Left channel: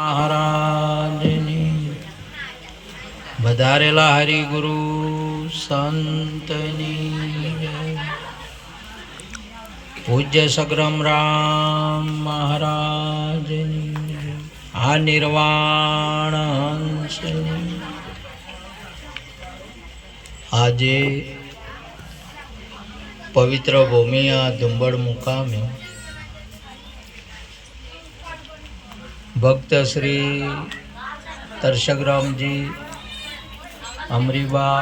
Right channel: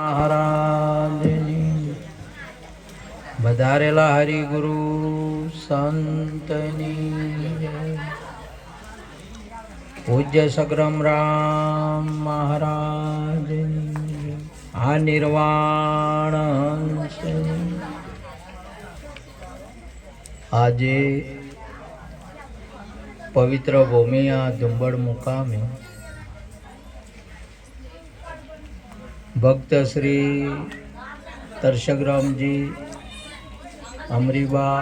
મહારાજની વધારેલા હરિગુરુ સંતની પૂજ્ય સગ્રામ રામ મહારાજની આ નિર્વાણ હંસની આજે પવિત્ર ભૂમિ આ ધુંબડ મુકામે ભક્ત શ્રી તરસગરામજી અમરીબા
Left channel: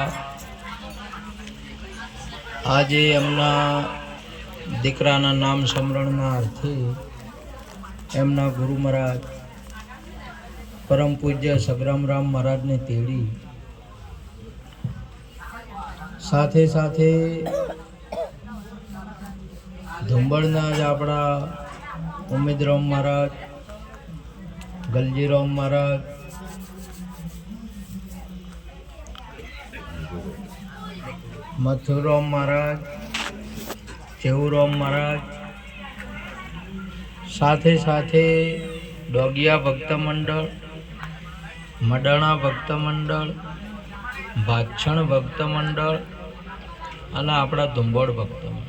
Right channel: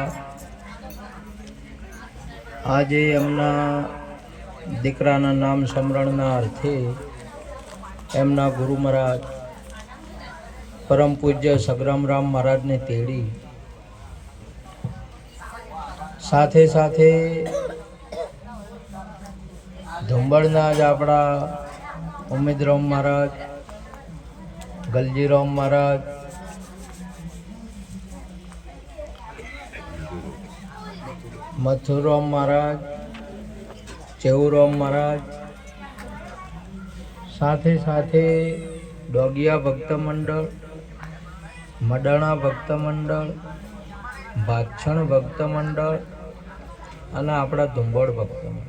આજે એમના દીકરાના નામ સ્મરણના અર્થે એમના ગુરુ મહારાજ પરમ પૂજ્ય સગ્રામરામ મહારાજને તેડી સાથે સાથે ધુંબડના જ આપણા ઉમેદરામ મહારાજ, ગલજીરામ મહારાજ, મથુરામ મહારાજ, ચેવુરામ મહારાજ, સાથે સાથે ડોગિયા ભક્ત મંડળ, મડાણા ભક્ત મંડળ, ભાછણ ભક્ત મંડળ અને આપણા ધુંબડ ભક્ત મંડળ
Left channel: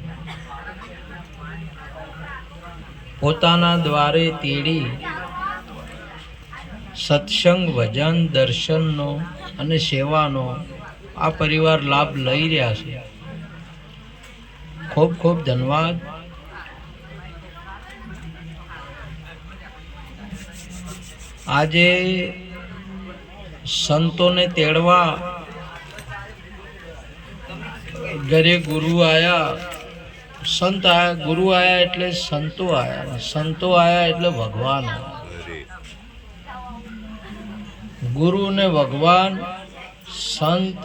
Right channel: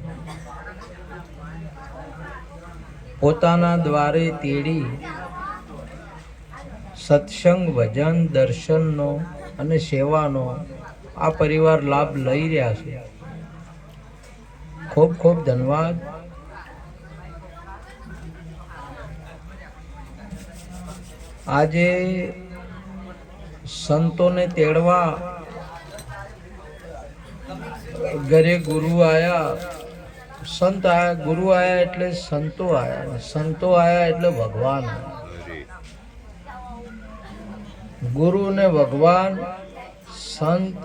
પોતાના દ્વારે તેડી સત્સંગ, ભજન, દર્શનનો અને સેવાનો આ પરિવાર લાભ લઈ રહ્યા છે. ખૂબ ખૂબ ધન્યવાદ. આજે સંતોને તેડવા ઘરે ગુરુ આયા, સંત આયા, ગુરુ આયા એટલે સંતો આયા, સંતો આયા એટલે ભગવાન આયા. ગુરુ ને ભગવાન, સંત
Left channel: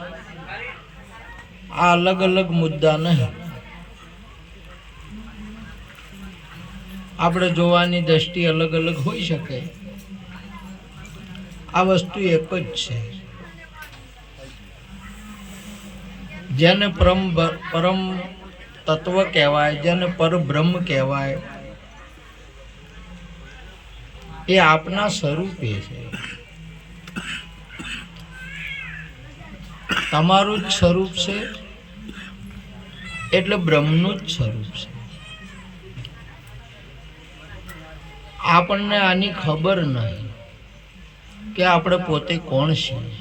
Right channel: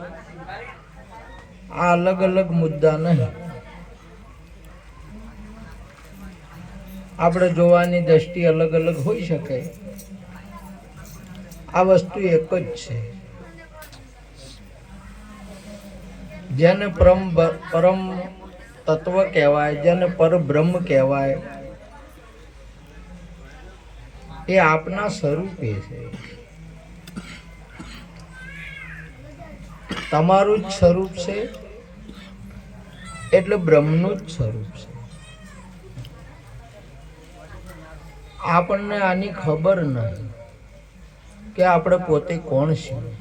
આ અલગ અલગ મુદ્દા નહીં. આપણે જોવાની દ્રષ્ટિ અલગ અલગ હોઈ શકે, આ વસ્તુ એક જ છે. જેને પરમ તત્વ કહેવાય, જેને પરબ્રહ્મ કહેવાય, એ આપના સ્વરૂપે છે. તમારું જ સ્વરૂપ છે એટલે બ્રહ્મનું જ સ્વરૂપ છે. આપણને આની ખબર નહીં કે આપણે પોતે કોણ છીએ.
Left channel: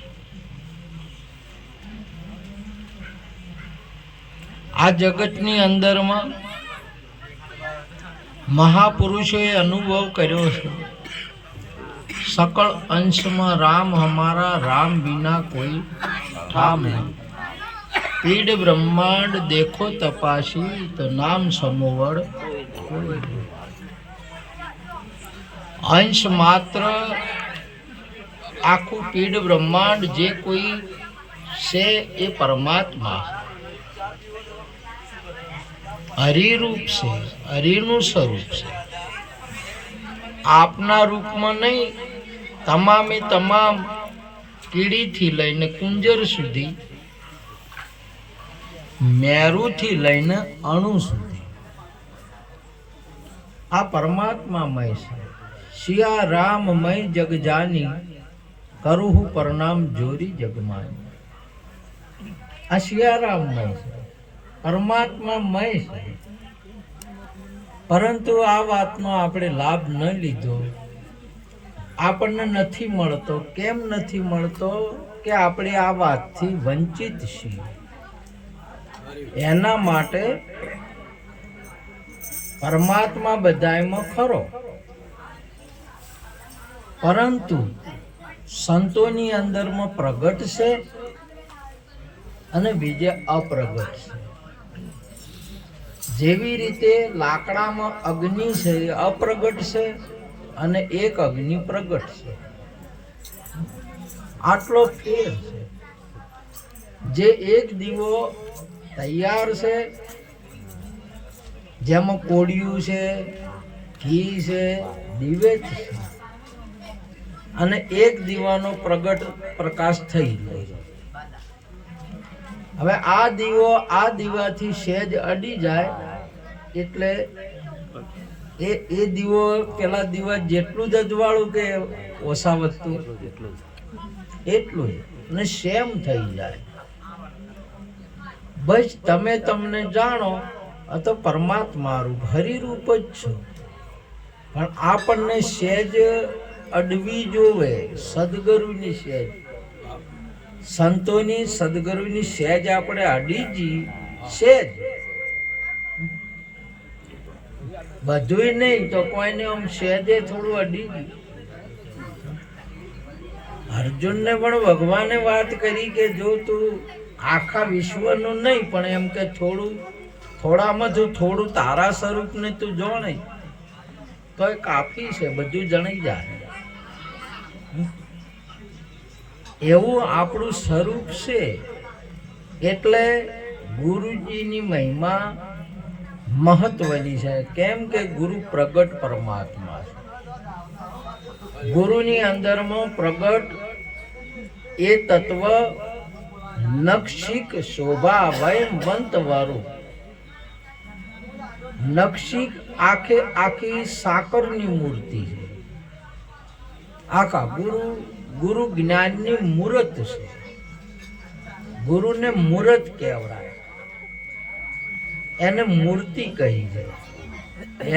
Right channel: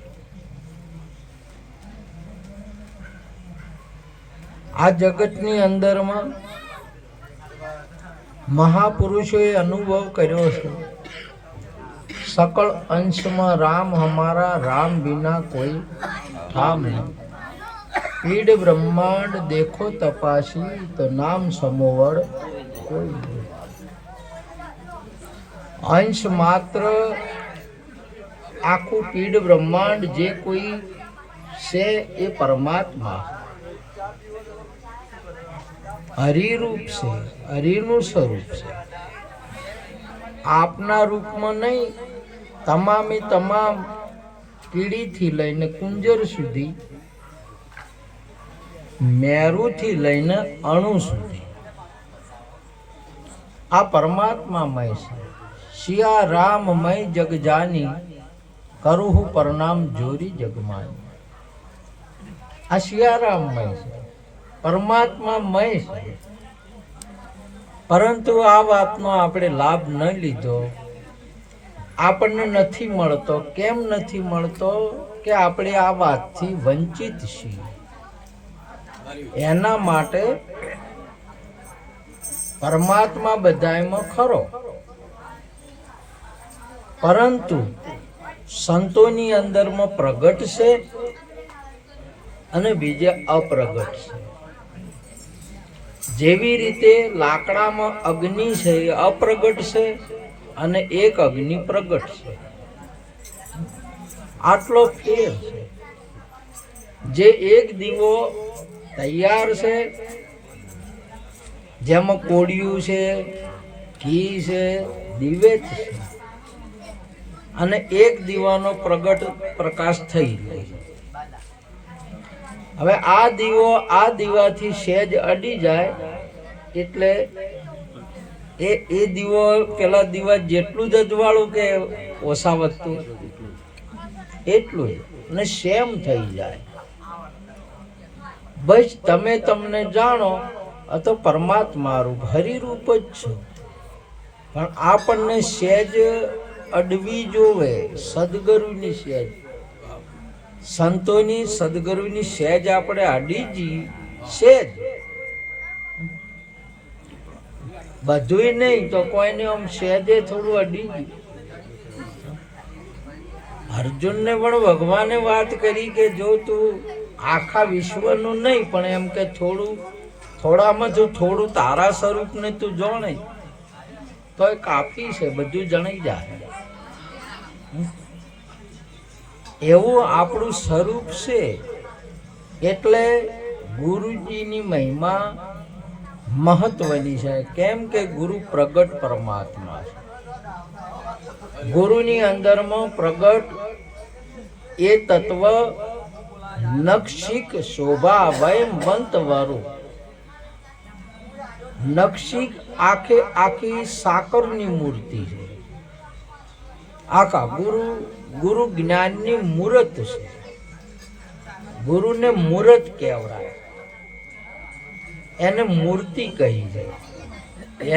આ જગતની અંદરમાં મહાપુરુષોએ અનુભવ કર્યો છે. सकल अंश में राम हमारा, राम बिना कोई ठाम नहीं. पीड ब्रह्मांड देखो तपासी, तो नाम समोवड़ कोई नहीं. अंश मात्र आखू पीड ब्रह्मांड जे कोई से ये परमात्मा हरि रूप से, हरिनु स्वरूप से. आपना रूप में नहीं, તમામે તમામ કીડીથી લઈને કુંજર સુધી, મેરુથી લઈને અણુ સુધી આ પરમાત્મામય છે. સિયા રામમય જગ જાની, કરું પરનામ જોરી જગમાની. આ સિયારામમય છે, પરમાત્મામય છે. પરંતુ આ વાતનો આપણે લાભ ન લીધો, આપણને નથી મળતો. કેમ નથી મળતો? કે આપણે આ વાતથી વંચિત છીએ. એના માટે પરમાત્મા બધાયમાં ખરો, પરંતુ સંતોની અંદરમાં પ્રગટ છે અને બીજે અપ્રગટ છે. જેવી રીતે લાકડામાં અગ્નિ છે એ અપ્રગટ છે અને એક અગ્નિ પ્રગટ છે. આટલો ફેર છે. જે એક દીવો તૈયાર છે, જેમાં કોડિયું છે, ઘી છે, દિવેત છે, અને એક દીવાનો પ્રગટ પ્રકાશ થઈ જાય. હવે આ દીવો આ દીવાથી સહેજ અડી જાય એટલે એ દીવો પેલા દીવા જેટલું જ અજવાળું કે ઓછા વધતું એટલું જ, અને સેમ થઈ જાય. બસ તમે તમને જાણો આ તો પરમાત્મા રૂપ હરિરૂપ જ છો, પણ આપણને સહેજ અડવી જોવે, સદગુરુની સહેજ, સંતોની સદગુરુની સહેજ આપણે અડીજી, સહેજ બધુંય નહીં તો કોઈને આમ સહેજે થોડું અડીજી. અર્જુનને પણ ભગવાને વાત કરી કે જો તું આખા વિશ્વનું નહીં પણ એમ કે થોડામાં જો થોડું તારા સ્વરૂપને તું જાણે તો એ કાફી છે, બધું જણાઈ જાય. એવું આપણું સ્વરૂપ છે. એટલે ગુરુજીની મહિમા મહત્વની છે. કેમ કે ગુરુ પ્રગટ પરમાત્મા છે. ગુરુની અંદરમાં પ્રગટ એ તત્વ નક્ષિક શોભા વયમવંત વાળું. નક્ષિક આખે આખી સાકરની મૂર્તિ છે. આખા ગુરુ જ્ઞાનની મૂર્ત છે. ગુરુને મૂર્ત કહેવાય, એને મૂર્તિ કહી જાય.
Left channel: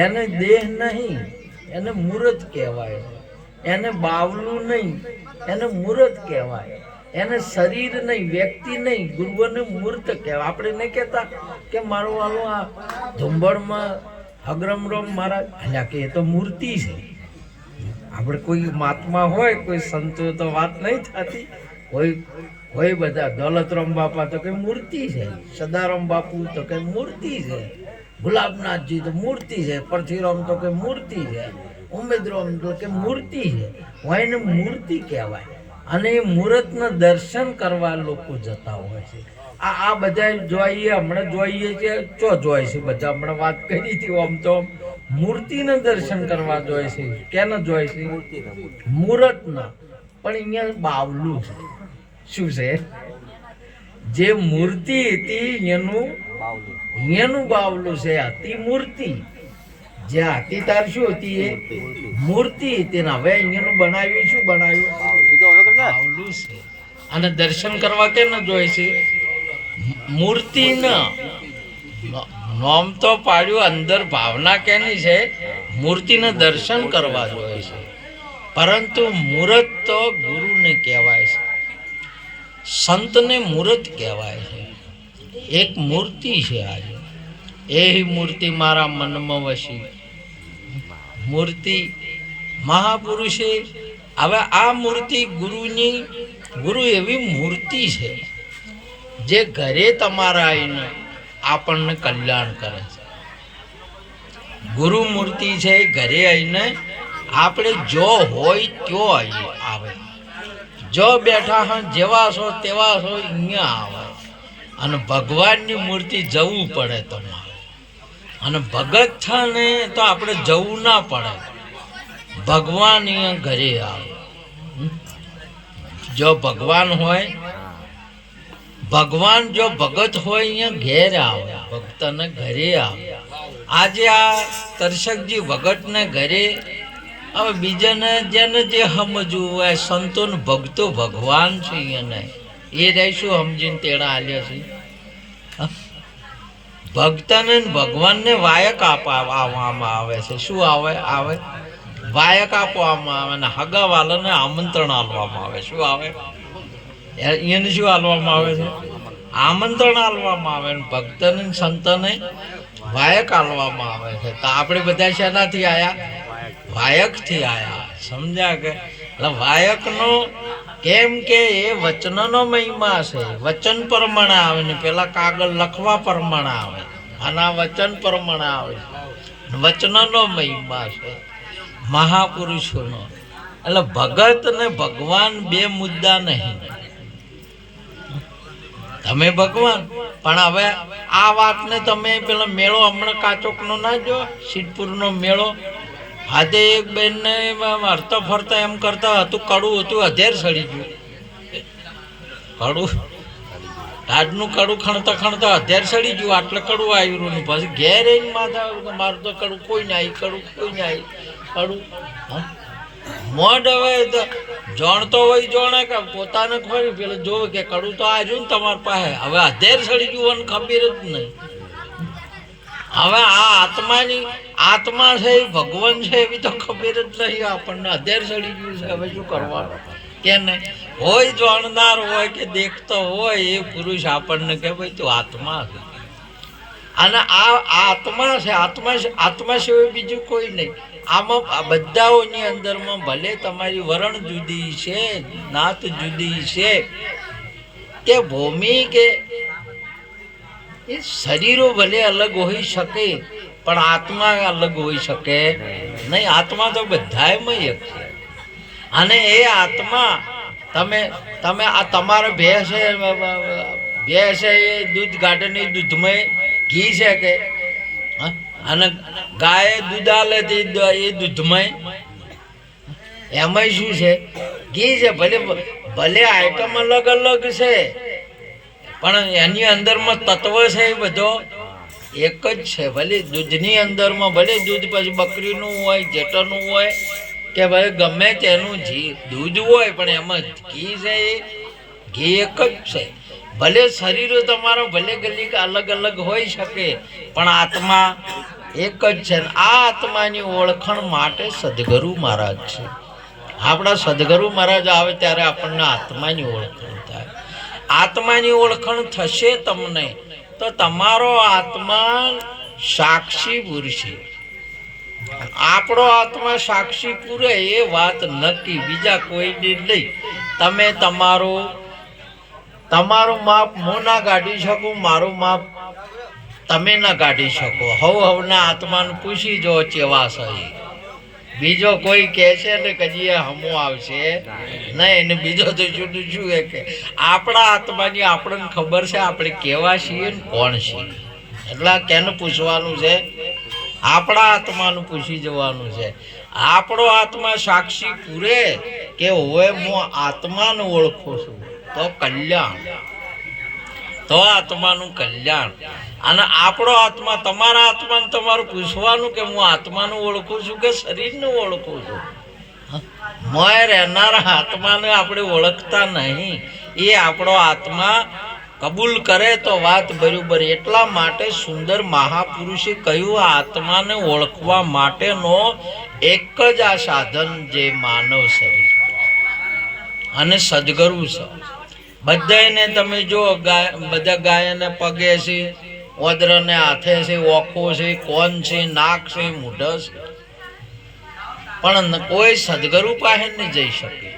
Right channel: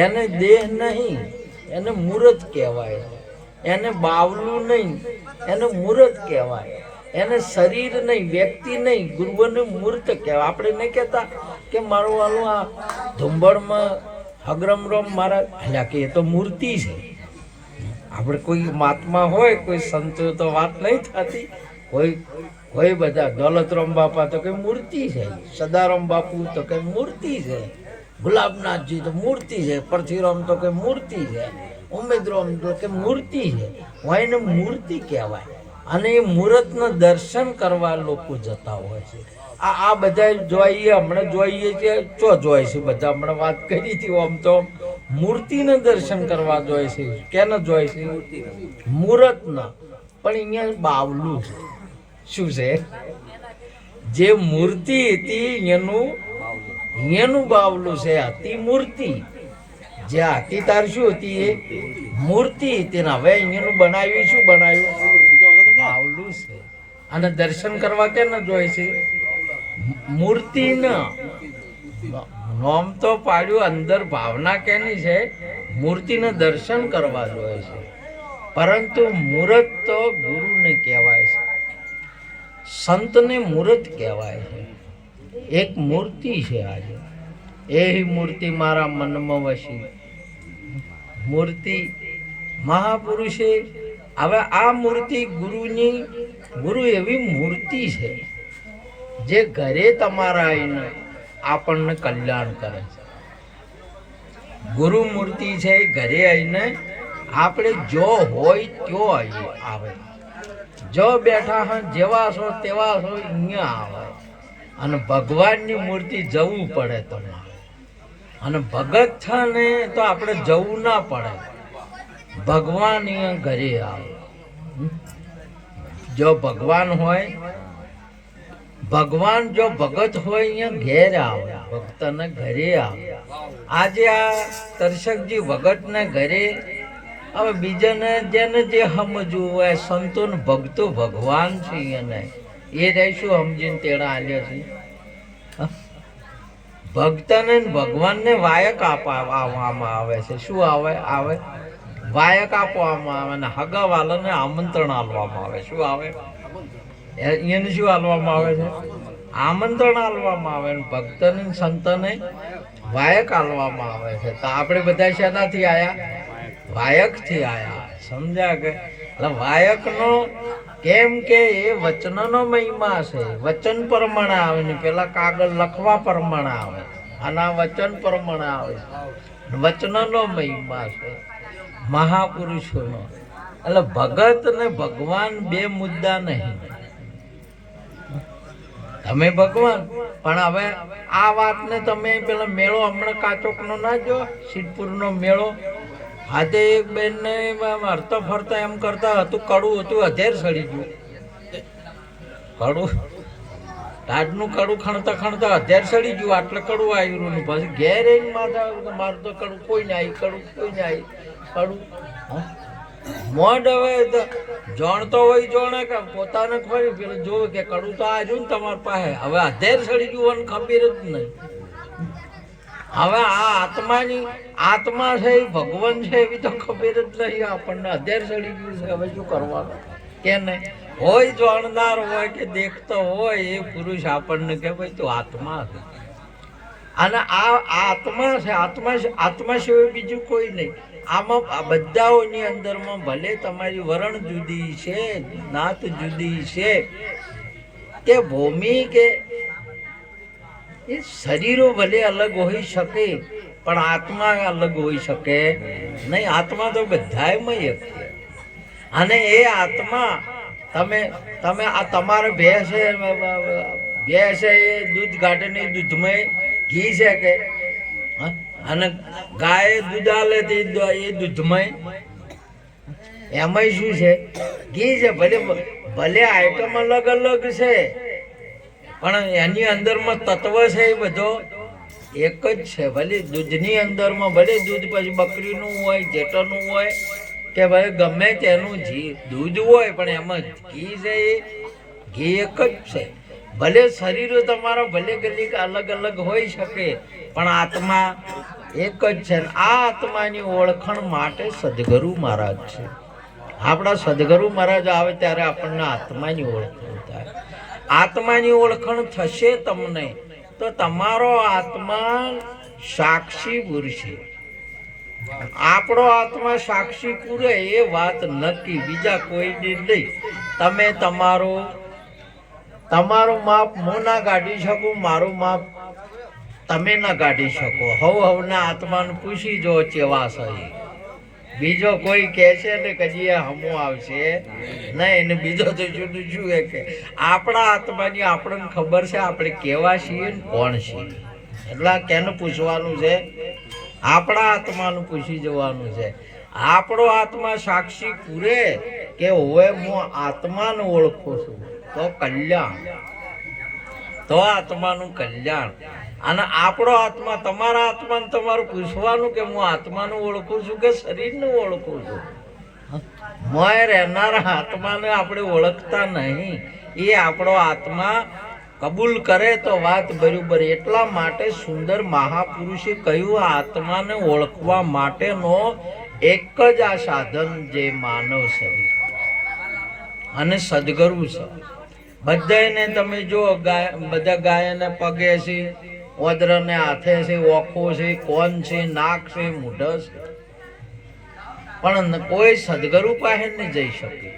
એને દેહ નહીં, એને મૂર્ત કહેવાય. એને બાવલું નહીં, એને મૂર્ત કહેવાય. એને શરીર નહીં, વ્યક્તિ નહીં, ગુરુને મૂર્ત કહેવાય. આપણે નહીં કહેતા કે મારું વાળું આ ધુંબળમાં હગરમરમ મારા એટલે કે એ તો મૂર્તિ છે. આપણે કોઈ મહાત્મા હોય, કોઈ સંતો તો વાત નહીં થતી. કોઈ બધા દોલતરામ બાપા તો કઈ મૂર્તિ છે, સદારામ બાપુ તો કઈ મૂર્તિ છે, ગુલાબનાથજી તો મૂર્તિ છે, પરથીરામ તો કઈ મૂર્તિ છે, ઉમેદરામ તો કે મૂર્તિ છે. હોય એને મૂર્તિ કહેવાય. અને એ મૂર્તના દર્શન કરવા લોકો જતા હોય છે. આ બધા જોઈએ, હમણાં જોઈએ છે, ચો જોઈ છે બધા. હમણાં વાત કરી હતી આમ તો મૂર્તિના દર્શન કરવા જોઈએ છે. કેના જોઈ છે? મૂર્તના. પણ અહીંયા બાવલું છે. શું છે? જે મૂર્તિ હતી એનું બાવલું છે. હતી મૂર્તિ, જે હતી તાર શું હતી? એ મૂર્તિ હતી ને હવે અહીંયાનું બનાવ્યું. શું બનાવ્યું? બાવલું છે. અને દર્શન કરવા કે ન જોઈ છે? મૂર્તિ નોમ તો પાડ્યું, અંદર ભાવના કેની છે? મૂર્તિને દર્શન કરવા જોઈએ છે. પરંતુ મૂર્ત તો ગુરુને કહેવાય છે, સંતને મૂર્ત કહેવાય છે. એક મૂર્તિ છે આજે, એ મૂર્તિ મારા મનમાં વસી. મૂર્તિ મહાપુરુષે. હવે આ મૂર્તિ ગુરુ એવી મૂર્તિ છે જે ઘરે તમારા આવીને આપણને કલ્યાણ કરે છે. ગુરુ મૂર્તિ છે, ઘરે આવીને આપણે જો હોય ત્યો આવે. જો બેઠા હા જેવા છો તેવા છો અહીંયા આવે. અને ભગવાનની મૂર્તિ જવું પડે તમારે. અને ભગત થાને તો આપણે જવું ના પડે. ભગવાન અહીંયા ઘરે આવે. જો ભગવાન હોય, ભગવાન જો ભગત હોય અહીંયા ઘેર આવે, ભક્તને ઘરે આવે. આજે આ દર્શકજી ભગતને ઘરે, હવે બીજાને જેને જે સમજવું હોય, સંતોન ભક્તો ભગવાન છે એને એ રહીશું સમજીને તેડા આલ્યા છે. ભક્તને ભગવાનને વાયક આપવામાં આવે છે. શું આવે? વાયક આપવામાં આવે ને હગાવાલાને આમંત્રણ આપવામાં આવે. શું આવે? એને શું આપવામાં આવે છે? આમંત્રણ આપવામાં આવે. ભક્તને સંતને વાયક આપવામાં આવે છે. તો આપણે બધા શેનાથી આયા? વાયકથી આયા. સમજ્યા કે? એટલે વાયકનો કેમ કે એ વચનનો મહિમા છે. વચન પ્રમાણે આવે ને પેલા કાગળ લખવા પ્રમાણે આવે. આના વચન પ્રમાણે આવે. વચનનો મહિમા છે મહાપુરુષોનો. એટલે ભગત ને ભગવાન બે મુદ્દા નહીં. તમે ભગવાન, પણ હવે આ વાતને તમે પેલા મેળો હમણાં કાચોકનો ના જો, સિદ્ધપુરનો મેળો. આજે એક બેનને હરતા ફરતા એમ કરતા હતું, કડું હતું, અધેર સડી ગયું. કડું ટાઢનું કડું ખણતા ખણતા અત્યારે સડી ગયું, આટલે કડું આવ્યું ને પછી ઘેર આવીને માથા મારું તો કડું કોઈ ને આવી, કડું કોઈ ને આવી, કડું મોઢ હવે તો જાણતો હોય જાણે કે પોતાને ખરી પેલું જોવે કે કડું તો આવ્યું ને તમારી પાસે, હવે અત્યારે સડી ગયું અને ખબર જ નહીં. હવે આ આત્મા છે એ ભગવાન છે એવી તો ખબર જ નહીં આપણને, અત્યારે સડી ગયું છે. હવે શું કરવાનું કે નહીં હોય જાણનાર હોય કે દેખતો હોય એ પુરુષ આપણને કે ભાઈ તું આત્મા છે, અને આ આત્મા છે, આત્મા સિવાય બીજું કોઈ નહીં. આમાં બધાઓની અંદરમાં ભલે તમારી વરણ જુદી છે, નાત જુદી છે, કે ભૂમિ કે એ શરીરો ભલે અલગ હોઈ શકે પણ આત્મા અલગ હોઈ શકે નહીં. આત્મા તો બધાયમાં એક છે. અને એ આત્મા તમે આ તમારે ભેંસ છે એ દૂધ કાઢે નહીં, દૂધમાં ઘી છે કે, અને ગાય દૂધ આલે એ દૂધમાં એમાં શું છે? ઘી છે. ભલે આઈટમ અલગ અલગ છે પણ એની અંદરમાં તત્વ છે એ બધો એક જ છે. ભલે દૂધની અંદરમાં ભલે દૂધ પછી બકરીનું હોય, જેટરનું હોય કે ભાઈ ગમે તેનું દૂધ હોય પણ એમાં ઘી છે એ ઘી એક જ છે. ભલે શરીરો તમારા ભલે ગલી અલગ અલગ હોઈ શકે પણ આત્મા એક જ છે. આ આત્માની ઓળખાણ માટે સદગુરુ મહારાજ છે. આપણા સદગુરુ મહારાજ આવે ત્યારે આપણને આત્માની ઓળખાણ થાય. આત્માની ઓળખાણ થશે તમને તો તમારો આત્મા સાક્ષી પૂરશે. આપણો આત્મા સાક્ષી પૂરે એ વાત નક્કી, બીજા કોઈની નહીં. તમે તમારું માપ હું ના કાઢી શકું, મારું માપ તમે ના કાઢી શકો. હવના આત્માને પૂછી જો ચેવા છે. બીજો કોઈ કહે છે ને કદી હમો આવશે નહીં. ને બીજો તો જુદું શું કે આપણા આત્માની આપણને ખબર છે આપણે કેવા છીએ ને કોણ છીએ. એટલે કેને પૂછવાનું છે? આપણા આત્માનું પૂછી જવાનું છે. આપણો આત્મા સાક્ષી પૂરે કે હવે હું આત્માને ઓળખું છું તો કલ્યાણ, તો આત્માનું કલ્યાણ. અને આપણો આત્મા તમારા આત્માને તમારું પૂછવાનું કે હું આત્માનું ઓળખું છું કે શરીરનું ઓળખું છું. મોય રહેનારા આત્માને આપણે ઓળખતા નહીં. એ આપણો આત્મા કબૂલ કરે તો વાત બરોબર. એટલા માટે સુંદર મહાપુરુષે કહ્યું આત્માને ઓળખવા માટેનો એક જ આ સાધન જે માનવ શરીર અને સદગુરુ છે. બધાને તમે જો બધા ગાયને પગે છે, ઓદરને હાથે છે, ઓખો છે, કોન છે, નાક છે, મૂઢ છે, પણ કોઈ સદગુરુ પાસે નહીં જઈ શકે.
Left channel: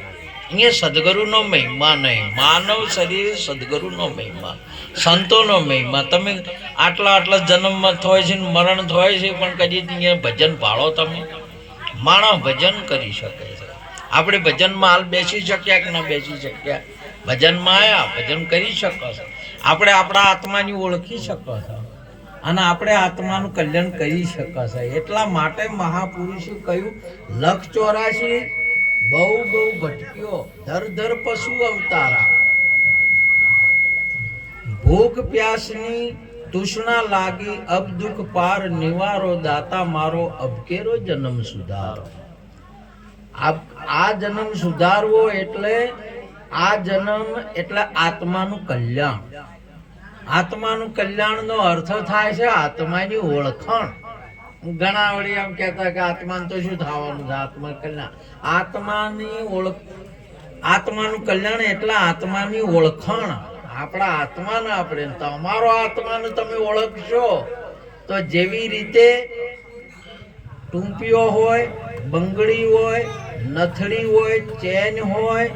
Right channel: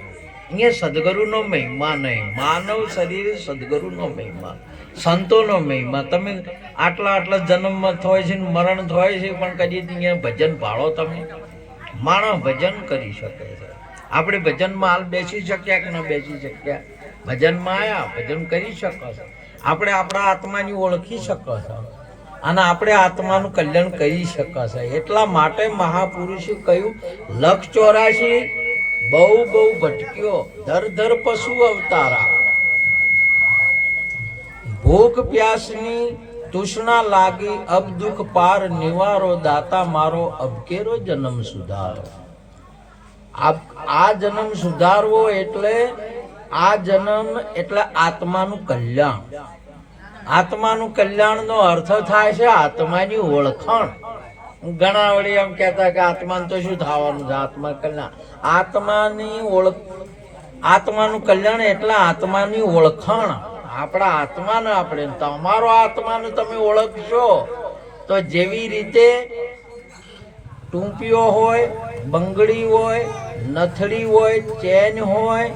અહીંયા સદગુરુનો મહિમા નહીં. માનવ શરીર સદગુરુનો મહિમા, સંતોનો મહિમા. તમે આટલા જન્મમાં થાય છે, મરણ થાય છે, પણ કદી અહીંયા ભજન ભાળો તમે? માણસ ભજન કરી શકે છે. આપણે ભજનમાં હાલ બેસી શક્યા કે ના બેસી શક્યા? ભજનમાં આવ્યા, ભજન કરી શકો છો. આપણે આપણા આત્માની ઓળખી શકો છો અને આપણે આત્માનું કલ્યાણ કરી શકો છો. એટલા માટે મહાપુરુષે કહ્યું 184 બહુ ભટક્યો, દર પશુ અવતારા, ભૂખ પ્યાસની તૃષ્ણા લાગી, અબ દુઃખ પાર નિવારો, દાતા મારો અબકેરો જન્મ સુધારો. આ જન્મ સુધારવો એટલે આ જન્મ એટલે આત્માનું કલ્યાણ. આત્માનું કલ્યાણનો અર્થ થાય છે આત્માની ઓળખાણ. ઘણા વળી એમ કહેતા કે આત્માને તો શું થવાનું છે? આત્મા કલ્યાણ, આત્માનું કલ્યાણ એટલે આત્માની ઓળખાણ. આપણા આત્માને આપણે તમારો આત્માને તમે ઓળખશો તો જેવી રીતે ટૂંપીઓ હોય, બંગડી હોય, નથડી હોય, ચેન હોય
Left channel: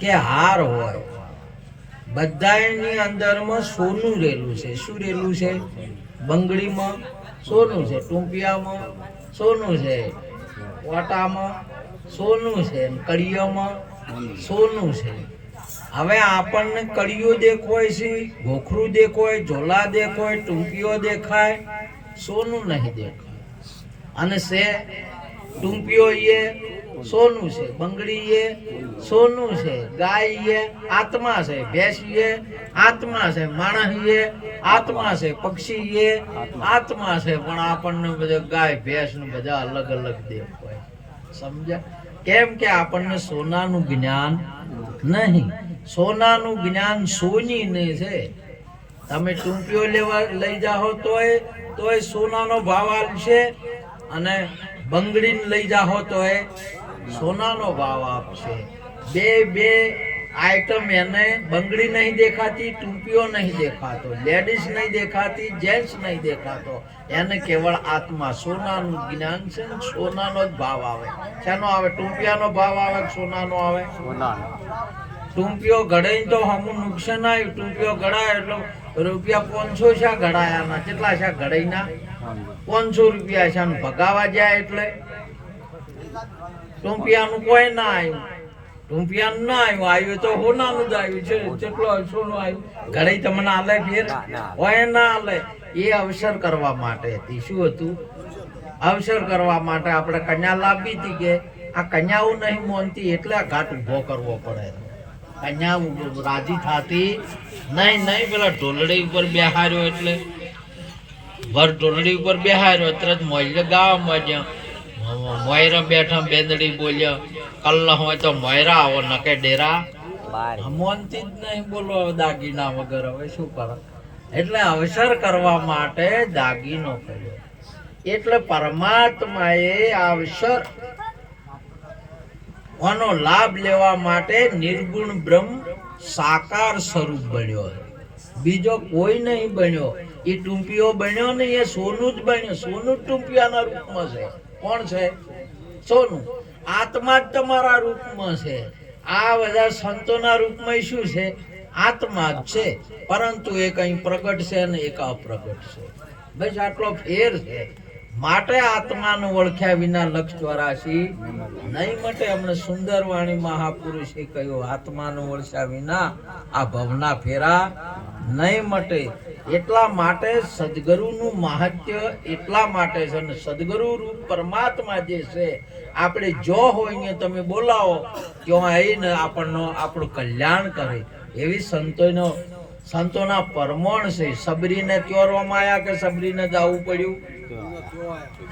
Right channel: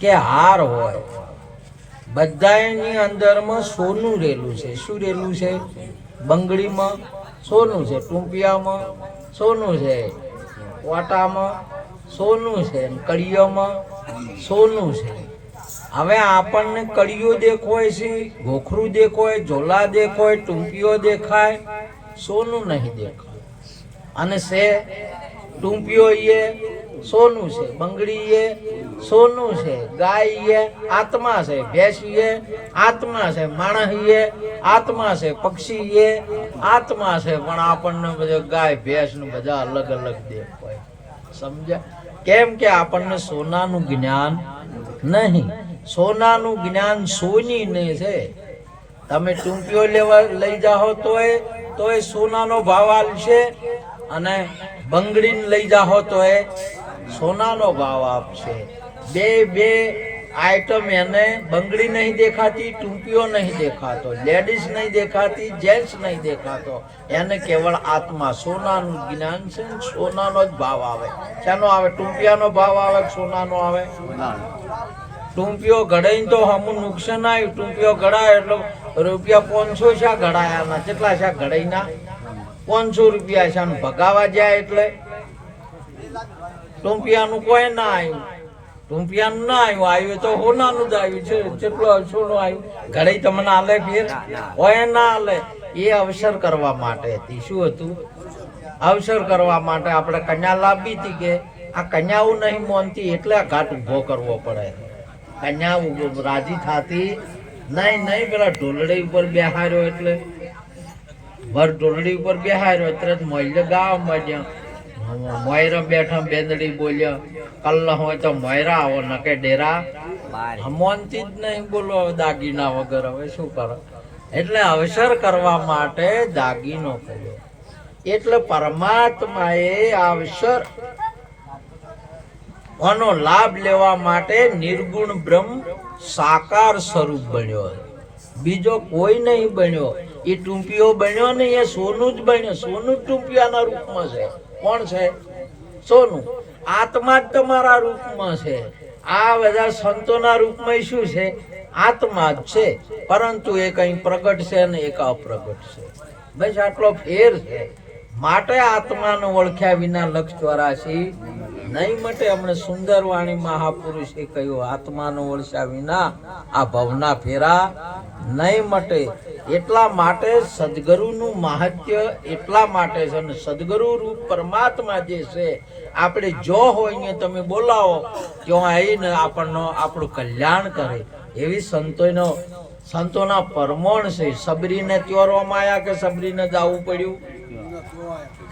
કે હાર હોય, બધાની અંદરમાં સોનું રહેલું છે. શું રહેલું છે? બંગડીમાં સોનું છે, ટૂંપિયામાં સોનું છે, વાટામાં સોનું છે, કડીઓમાં સોનું છે. હવે આપણને કડીઓ દેખાય છે, ગોખરું દેખાય, ઝોલા દેખાય, ટૂંપીઓ દેખાય, સોનું નહીં દેખાય. અને છે ટૂંપિયો એ સોનું છે, બંગડી એ સોનું છે, ગાય એ આત્મા છે, ભેંસ એ આત્મા છે, માણસ એ આત્મા છે, પક્ષી એ આત્મા છે. પણ આપણને બધા ગાય ભેંસ નું બધા અલગ અલગ દેખાય. સમજ્યા? કેમ કે આપણને સોનાનું જ્ઞાન નહીં. સોનાનું જ્ઞાન સોની ને છે. તમે ટૂંપિયો લેવા લઈ જાઓ તોય સોનાનો ભાવ આપશે, અને બંગડીને લઈ જાઓ તોય સોનાનો ભાવ આપશે. બે આઈટમ એને બંગડી નહીં દેખાતી, ટૂંપિયો નહીં દેખાતો, લેડીઝ નહીં દેખાતી, જેન્ટ્સ નહીં દેખાતો. એને કેવળ આત્મા સોનાનું જ્ઞાન છે. સોનાનો જ ભાવ આવે. શાનો આવે? ટૂંપિયાનો ભાવ આવે કે સોનાનો આવે? ટૂંપિયો ઘડાઈ તો હમું નુકસાન આવ્યું. ટૂંપિયો ઘડાય એટલે રૂપિયા 500 શા ઘડાયા, કેટલા શા ઘડાઈના? 500 રૂપિયા શા ભગાવા જાય એટલે ટૂંપિયાનું કોઈ ના આવ્યું. ટૂંપિયાનું ના આવ્યું તો હોનાનું જ આવ્યું છે. કેટલો સોનું આવ્યું? ઘડાઈ તમને આલે ફેર હોય ના આલે. એ અવસર કરવા માટે હતી. શું હતું? અવસર કરવા માટે આપણે કન્યા લાવી હતી કે આ કન્યાઓ નહીં મોનતી એટલે આ ઘાટ ઉભો કરવો પડે. કન્યા રાજી થતી નહીં. પેલા ઢોલડી ઉપર બેહાર્યો એટલે વર ઢોલડી ઉપર બેહાર્યો તરત મોય ગાવા માંડ્યા. મોયરા બેઠા બેંદડી બોલ્યા, કલ્લા હોય તો મોયરા આવો નકે ડેરા મોનતી જ નહીં. બોલો હવે દાગીના વગર હવે શું કરે? એટલે અવસર કરવા માટે દાગીનો કર્યો. એટલે પરમાત્માએ અવસર આનો લાભ લેવા માટે નિર્ગુણ બ્રહ્મ સાકાર સ્વરૂપ બન્યો. બીજો કોઈ નહીં બન્યો. એ ટૂંપિયો બન્યો નહીં, એ સોનું જ બન્યો. સોનું ટૂંપિયાના રૂપમાં છે. કોણ છે? સોનું. આત્મા જ તમારા રૂપમાં છે. આ બધા સંતોના રૂપમાં શું છે? આત્મા જ છે. પરંતુ એ કઈ પ્રગટ છે ને એક અપ્રગટ છે. બસ આટલો ફેર છે. માટે આત્માને ઓળખ્યા વિના લક્ષ 84 નહીં મટે. હમણે સુંદર વાણી મહાપુરુષે કહ્યું, આત્માને ઓળખ્યા વિના આ ભવના ફેરા નહીં મટે. એટલા માટે સદગુરુનું મહાત્મ્ય એટલા માટે છે. અને સદગુરુ રૂપ પરમાત્મા જે છે, આપણે જો હોય ને તમે બોલાવો ત્યાં આવીને આપણું કલ્યાણ કરે. એવી સંતોના પરમોણ છે. સબરીને ત્યોરવામાં આવ્યા કે સબરીને જવું પડ્યું?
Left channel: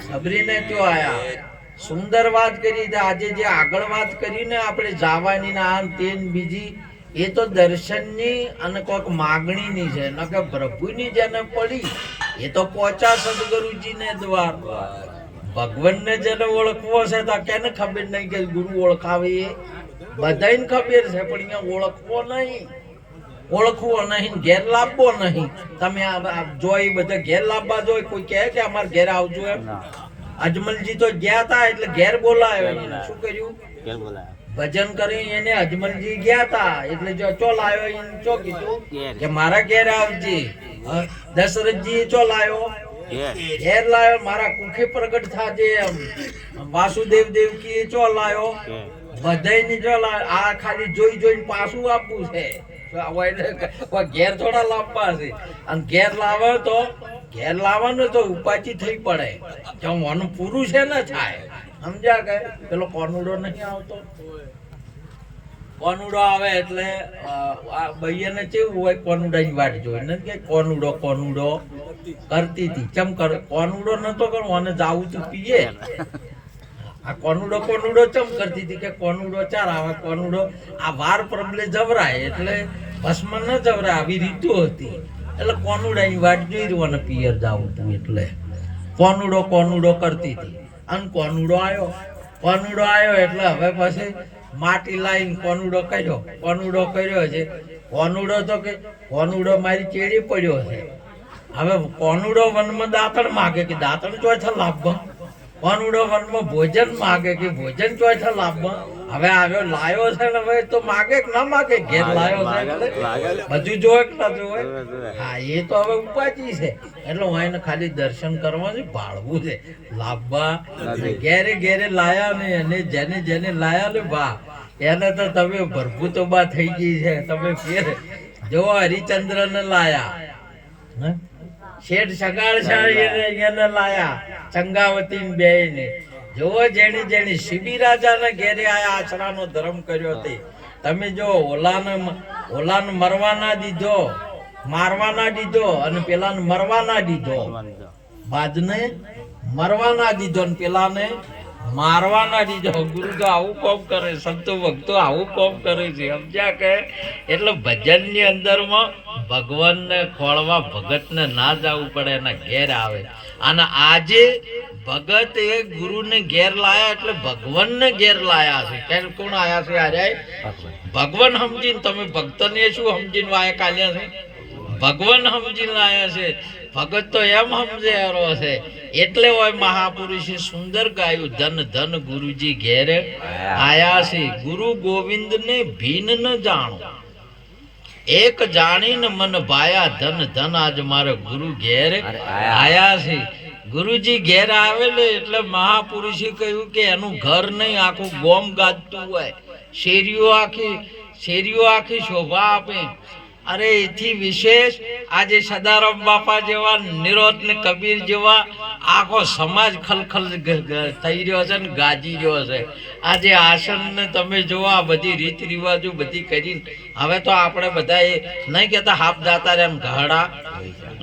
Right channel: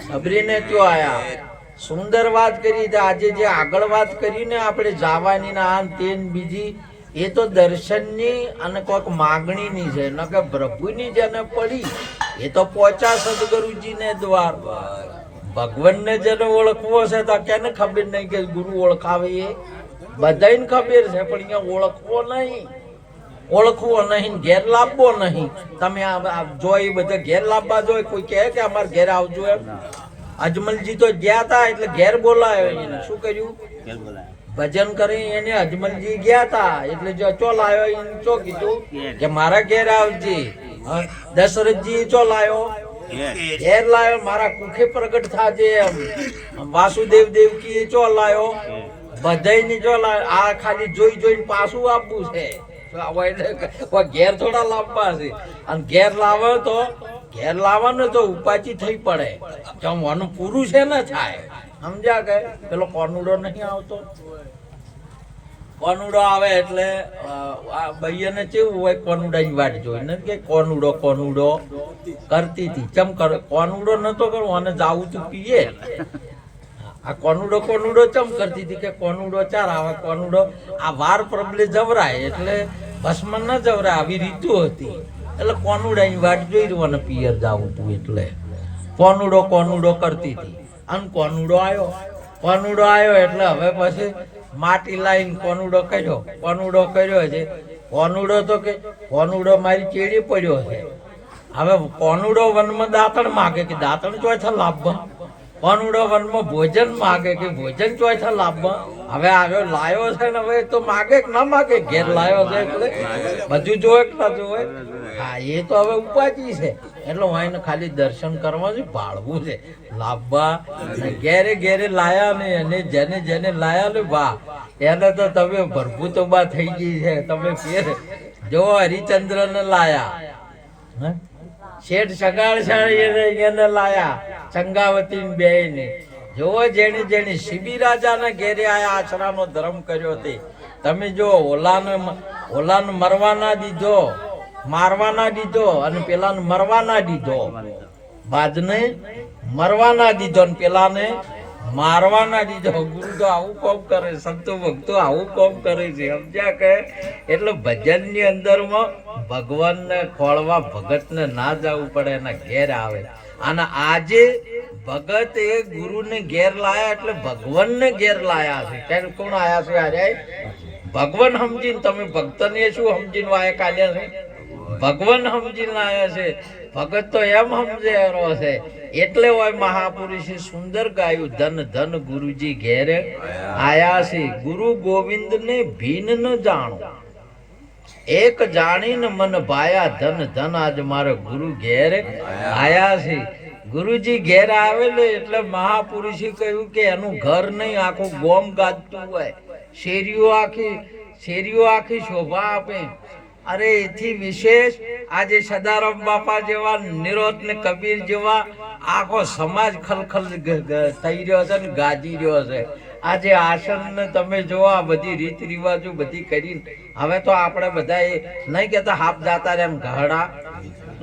સબરીને ત્યો આયા. સુંદર વાત કરી. આજે જે આગળ વાત કરી ને આપણે જવાની ના આન તેન બીજી, એ તો દર્શનની અને કોઈક માગણીની છે. ન કે પ્રભુની જેને પડી એ તો પહોંચા સદગુરુજીને દ્વાર. ભગવાનને જેને ઓળખવો છે તો કેને ખબર નહીં કે ગુરુ ઓળખાવે? એ બધાને ખબર છે, પણ અહીંયા ઓળખવો નહીં, ઘેર લાવવો નહીં. તમે જોઈ બધા ઘેર લાવવા જોઈ. કોઈ કહે કે અમારે ઘેર આવજો એમ? અજમલજી તો ગયા તા એટલે ઘેર બોલાયો. શું કર્યું? ભજન કરી એને અજમલજી ગયા તા એટલે ચો લાયો એને ચો કીધું કે મારા ઘેર આવજે. દશરથજી ચો લાયો? ઘેર લાયો. મારા કુખે પ્રગટ થાજે એમ. વાસુદેવ દેવકી ચો લાયો? બધાની ચો લાયો. આ ખાલી જોઈને પાછું આપવું છે. ઘેર થોડા લાવવા છે. અને ઘેર લાવવાનું તો ઉપાચી થઈ પડે. જમવાનું પૂરું છે ને થાય. સમજ્યા? કે પેલો કોનુડો નહીં આવતો? કોનુડો આવે એટલે બૈયાને કેવું હોય? કોનુડાની વાટ જોઈને કે કોનુડો કરતી હતી. ચમ કરે? કોનુડો નતો કરો અને જાવું તું પીએ. આ કોનુડો ચમ કરતી હતી કે કોનુડો ચાર આવે. કોનુડો આ વાર પ્રબલે જવરાય એટલે ભસ્મ ન જવરાય. આવી રીતો હતી. એટલે કોનુડાની વાટ જોઈ રહ્યો પિયર જાવું તું એટલે કોનુડો કરતી હતી. અને કોનુડો આવ્યો એટલે હવે પછી માટી લાવીને કોનુડો કર્યો છે. કોનુડો તો કે કોનુડો મારી ચેડી પડ્યો છે. હવે કોનુડો વનમાં દાંતણ માગે કે દાંતણ ચોથા લાભવા. કોનુડો વનમાં ભોજન માગે કે ભોજન ચોથા લાભવા. હવે આવ્યો લાયો છે ને હવે તો માગે કે ના માગે? ઘેર લાયો છે એટલે બધું જોવે કે ના જોવે? હા, એ તો હવે ઉપાજી છે. એટલે હું એને ખાલી દર્શન કરવા છે, ભાળવું છે. લાભવા ઘેરે લાયા ને એને જેને લાયા ને બા એને તો તમે ભરભૂતો બા થઈ ગઈ છે. તમે ફેર જો હરિચંદ્ર ને લાયા, શેઠ સગાડ એને લાયા, ચંગાવતી બે ને. જોવો જેની જેની શિબી રાજાને ઘેરે આયા આશરાનો ધર્મ કર્યો તે તમે જો ઓલાને મરવા ના દીધો, મારવા ના દીધો અને પેલાને મરવા ના દીધો, બાદને મરવા ના દીધો અને પેલાને મારવા ના દીધો. ગુરુ તો આવું કોમ કરે, સંતો ભક્તો આવું કોમ કરે છે, સમજ્યા કે? એટલે ભજનની અંદરમાં ભગવાનને ખોળવા ભગતને ના જવું પડે, એના ઘેર આવે. અને આજે ભગત એ ગુરુને ઘેર લાયા એટલે ભગવાનને ઘેર લાયા છે. ત્યારે કોણ આયા છે? આજે ભગવાન સમજીને. તમે ભક્તને શું સમજીને વાયા કાઢ્યા છે? ભગવાન સમજીને આયા છે. ભગત તો એમ સમજેલો છે. એટલે હોય મહાપુરુષે સુંદર ગાયું, ધન ધન ગુરુજી ઘેરે આયા છે. ગુરુ ગોવિંદ ને ભીન ન જાણો, એક જાણીને મન ભાયા, ધન ધન આજ મારે ગુરુ ઘેર આયા છે. ગુરુજી ઘેર આવેલે એટલે મહાપુરુષે કહ્યું કે એનું ઘર નહીં, આખું ગોમ ગાજતું હોય, શેરીઓ આખી શોભા આપે. અરે એથી વિશેષ આજે સદારામ બાપા જેવા, નિરોધ ને કબીર જેવા આખો સમાજ ખલખલ થઈ રહ્યો છે ને ગાજી રહ્યો છે. આજે આસન ને તમે જો આ બધી રીત રિવાજો બધી કરીને હવે તો આપણે બધા એ નહીં કેતા હાફ દાતા એમ ગહડા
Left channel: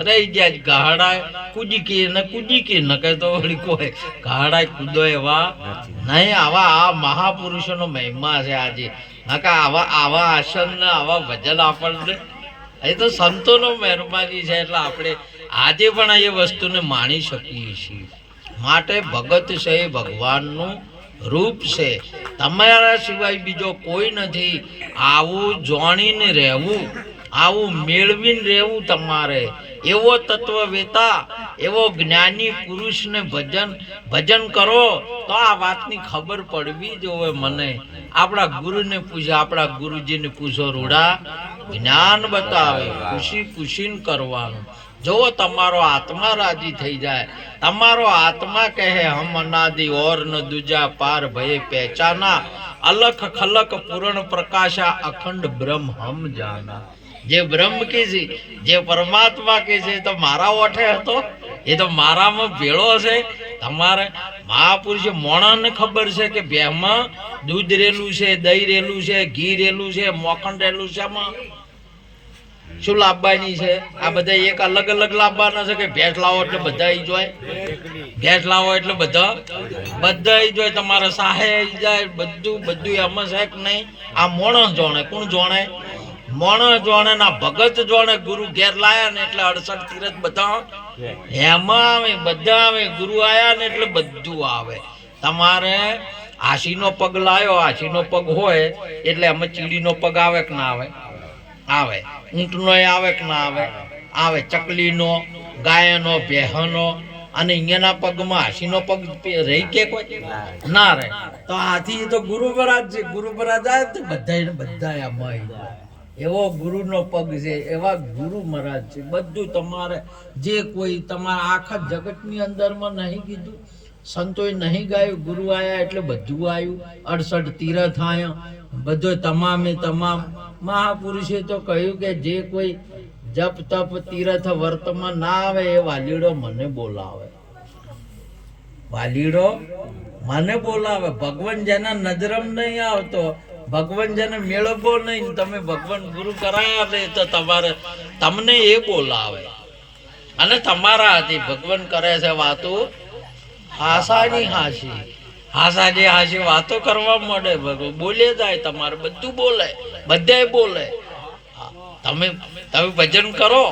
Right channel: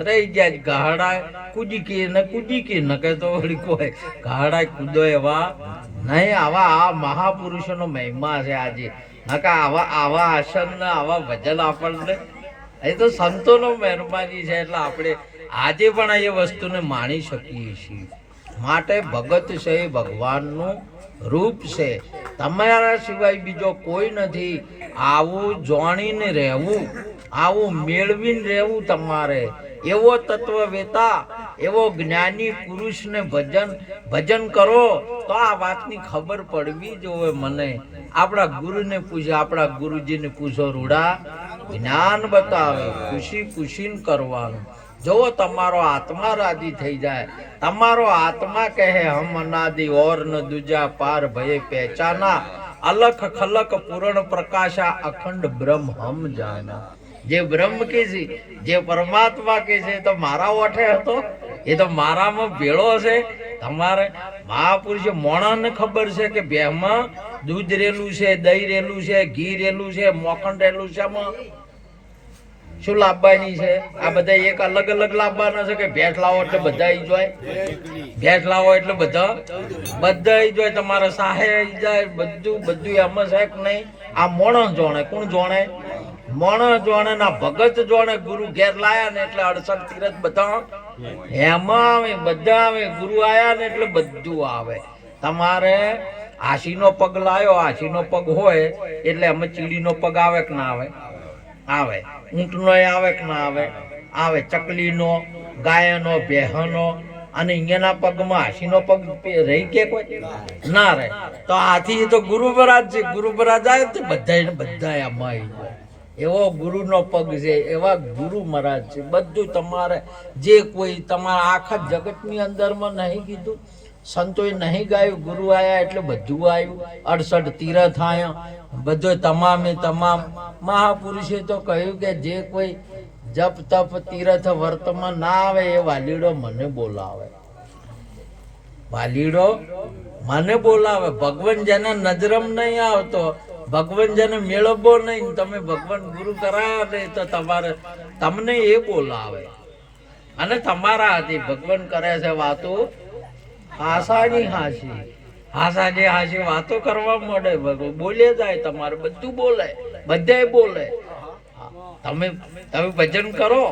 રહી ગયા. ગહડા કૂદી ન કે તો વળી કોઈ ગહડા કૂદો એવા નહીં. આવા આ મહાપુરુષોનો મહિમા છે આજે. નકા આવા આસન ને આવા ભજન આપણને એ તો સંતોનો મહેરબાની છે. એટલે આપણે આજે પણ એ વસ્તુને માણી શકીએ છીએ. માટે ભગત છે એ ભગવાનનું રૂપ છે, તમારા સિવાય બીજો કોઈ નથી. આવું જાણીને રહેવું, આવું મેળવીને રહેવું તમારે. એવો તત્વવેતા, એવો જ્ઞાની પુરુષને ભજન કરો તો આ વાતની ખબર પડવી જોવે. મને આપણા ગુરુને પૂછે, આપણા ગુરુજીને પૂછો, રૂડા જ્ઞાન બતાવે, ખુશીને કરવાનું. જો તમારો આત્મા રાજી થઈ જાય, તમારો આત્મા કહે હમ અનાદિ ઓર ન દુજા પાર ભય પહેચાના, અલખ ખલક પૂરણ પ્રકાશા અખંડ બ્રહ્મ હમ જાના. જે બ્રહ્મ કે છે, જે પરમાત્મા કે છે તો મારા ઓઠે હતો, એ તો મારામાં ભેળો છે. તમારે મહાપુરુષે મોણાને ખબર છે કે બેમાં દૂધ રેલું છે, દહીં રેલું છે, ઘી રેલું છે, મોખણ રેલું છે, શું લાવવાની છે? આ બધા એક અલગ અલગ લાવવાના છે કે ભેંસ લાવો એટલે બધા જોય, ભેંસ લાવો એટલે બધા જોય, તમારે સાહે જાય, બધું એમ છે કે નહીં? આ મોણસ જોણે. કોણ જોણે? મોણસ જોણે ના ભગત જોણે. ગુરુ ઘેર લાયા ને એટલે 68 તીરથ બધા એમાં આવે, બધા આવે. ગુરુ આયા ને એટલે બધું આવે. તમારે હાસીનો પગ લાયો, હાસીનો પગ હોય એટલે એમાં ચીડીનો પગ આવે કે ના આવે? આવે. ઊંટનો આવે કે ના આવે? આવે. ચકલીનો, ગાયનો, ભેહનો અને અહીંયાના પગમાં હાસીનો પગ રહી કે કોઈ ના રહે. તો હાથી તો ગુરુ બરાજ છે. ગુરુ બરાજ આવે તો બધા આમાં આવી જાય. એવો ગુરુનો પગ છે, એવા ગુરુ મહારાજ છે. બધું તમારે જે કોઈ તમારા આખા જગતની અંદરમાં નહીં કીધું, સંતોએ નહીં ગાયું, ગુરુ આયા એટલે બધું આવ્યું. 68 તીરથ આયા, બધો તમામે તમામ. મહાપુરુષે તો કહ્યું કે જે કોઈ જપ તપ તીરથ વર્તમાં ના આવે એ વાલીડો મને બોલાવે, વાલીડો મને બોલાવે. ભગવાન જેને નજરમ નહીં આવતો, ભગવાન જેને મેળવવો નહીં, તમે ભગવાન ગુરુ કરાયા ને તો તમને એ બોલાવે. અને તમારા હાથી ભગવાન કરે છે વાતો હાસાની હાસી વાતો કરવા મળે. બોલે જાય, તમારે બધું બોલે, બધાય બોલે. તમે ભજન કરો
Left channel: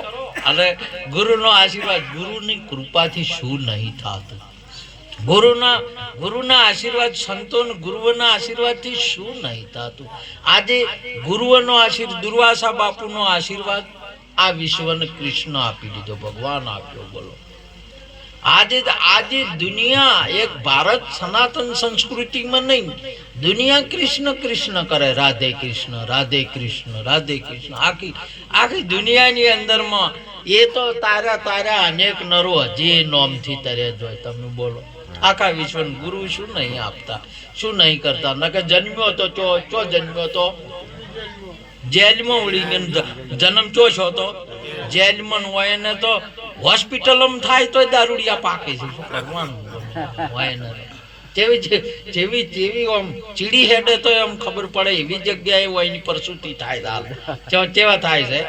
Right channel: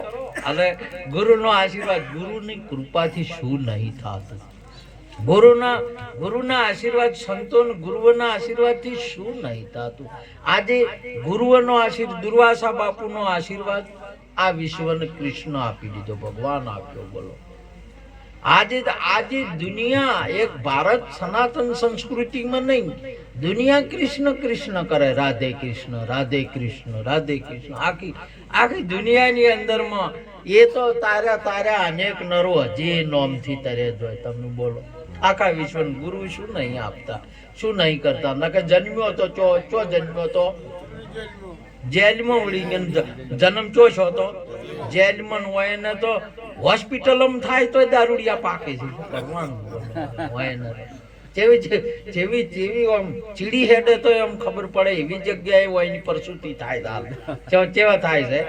અને ગુરુનો આશીર્વાદ, ગુરુની કૃપાથી શું નહીં થતું? ગુરુના આશીર્વાદ, સંતોના ગુરુઓના આશીર્વાદથી શું નહીં થતું? આજે ગુરુઓનો આશીર્વાદ, દુર્વાસા બાપુનો આશીર્વાદ આ વિશ્વને કૃષ્ણ આપી દીધો, ભગવાન આપ્યો. બોલો, આજે દુનિયા એક ભારત સનાતન સંસ્કૃતિમાં નહીં, દુનિયા કૃષ્ણ કૃષ્ણ કરે, રાધે કૃષ્ણ રાધે કૃષ્ણ રાધે કૃષ્ણ. આખી દુનિયાની અંદરમાં એ તો તારા અનેક નરો હજી નોમથી તરે જોય. તમે બોલો, આખા વિશ્વને ગુરુ શું નહીં આપતા, શું નહીં કરતા? નકે જન્મ્યો તો ચો જન્મ્યો તો જેલમાં ઉડી ગયો, જન્મ છો તો જેલમાં હોય ને તો હોસ્પિટલમાં થાય તો દારૂડિયા પાકે છે. ભગવાન હોય ને જેવી જેવી જેવી આમ ચીડી હેડે તો એમ ખબર પડે એવી જગ્યાએ હોય એની પ્રસૂતિ થાય કેવા થાય છે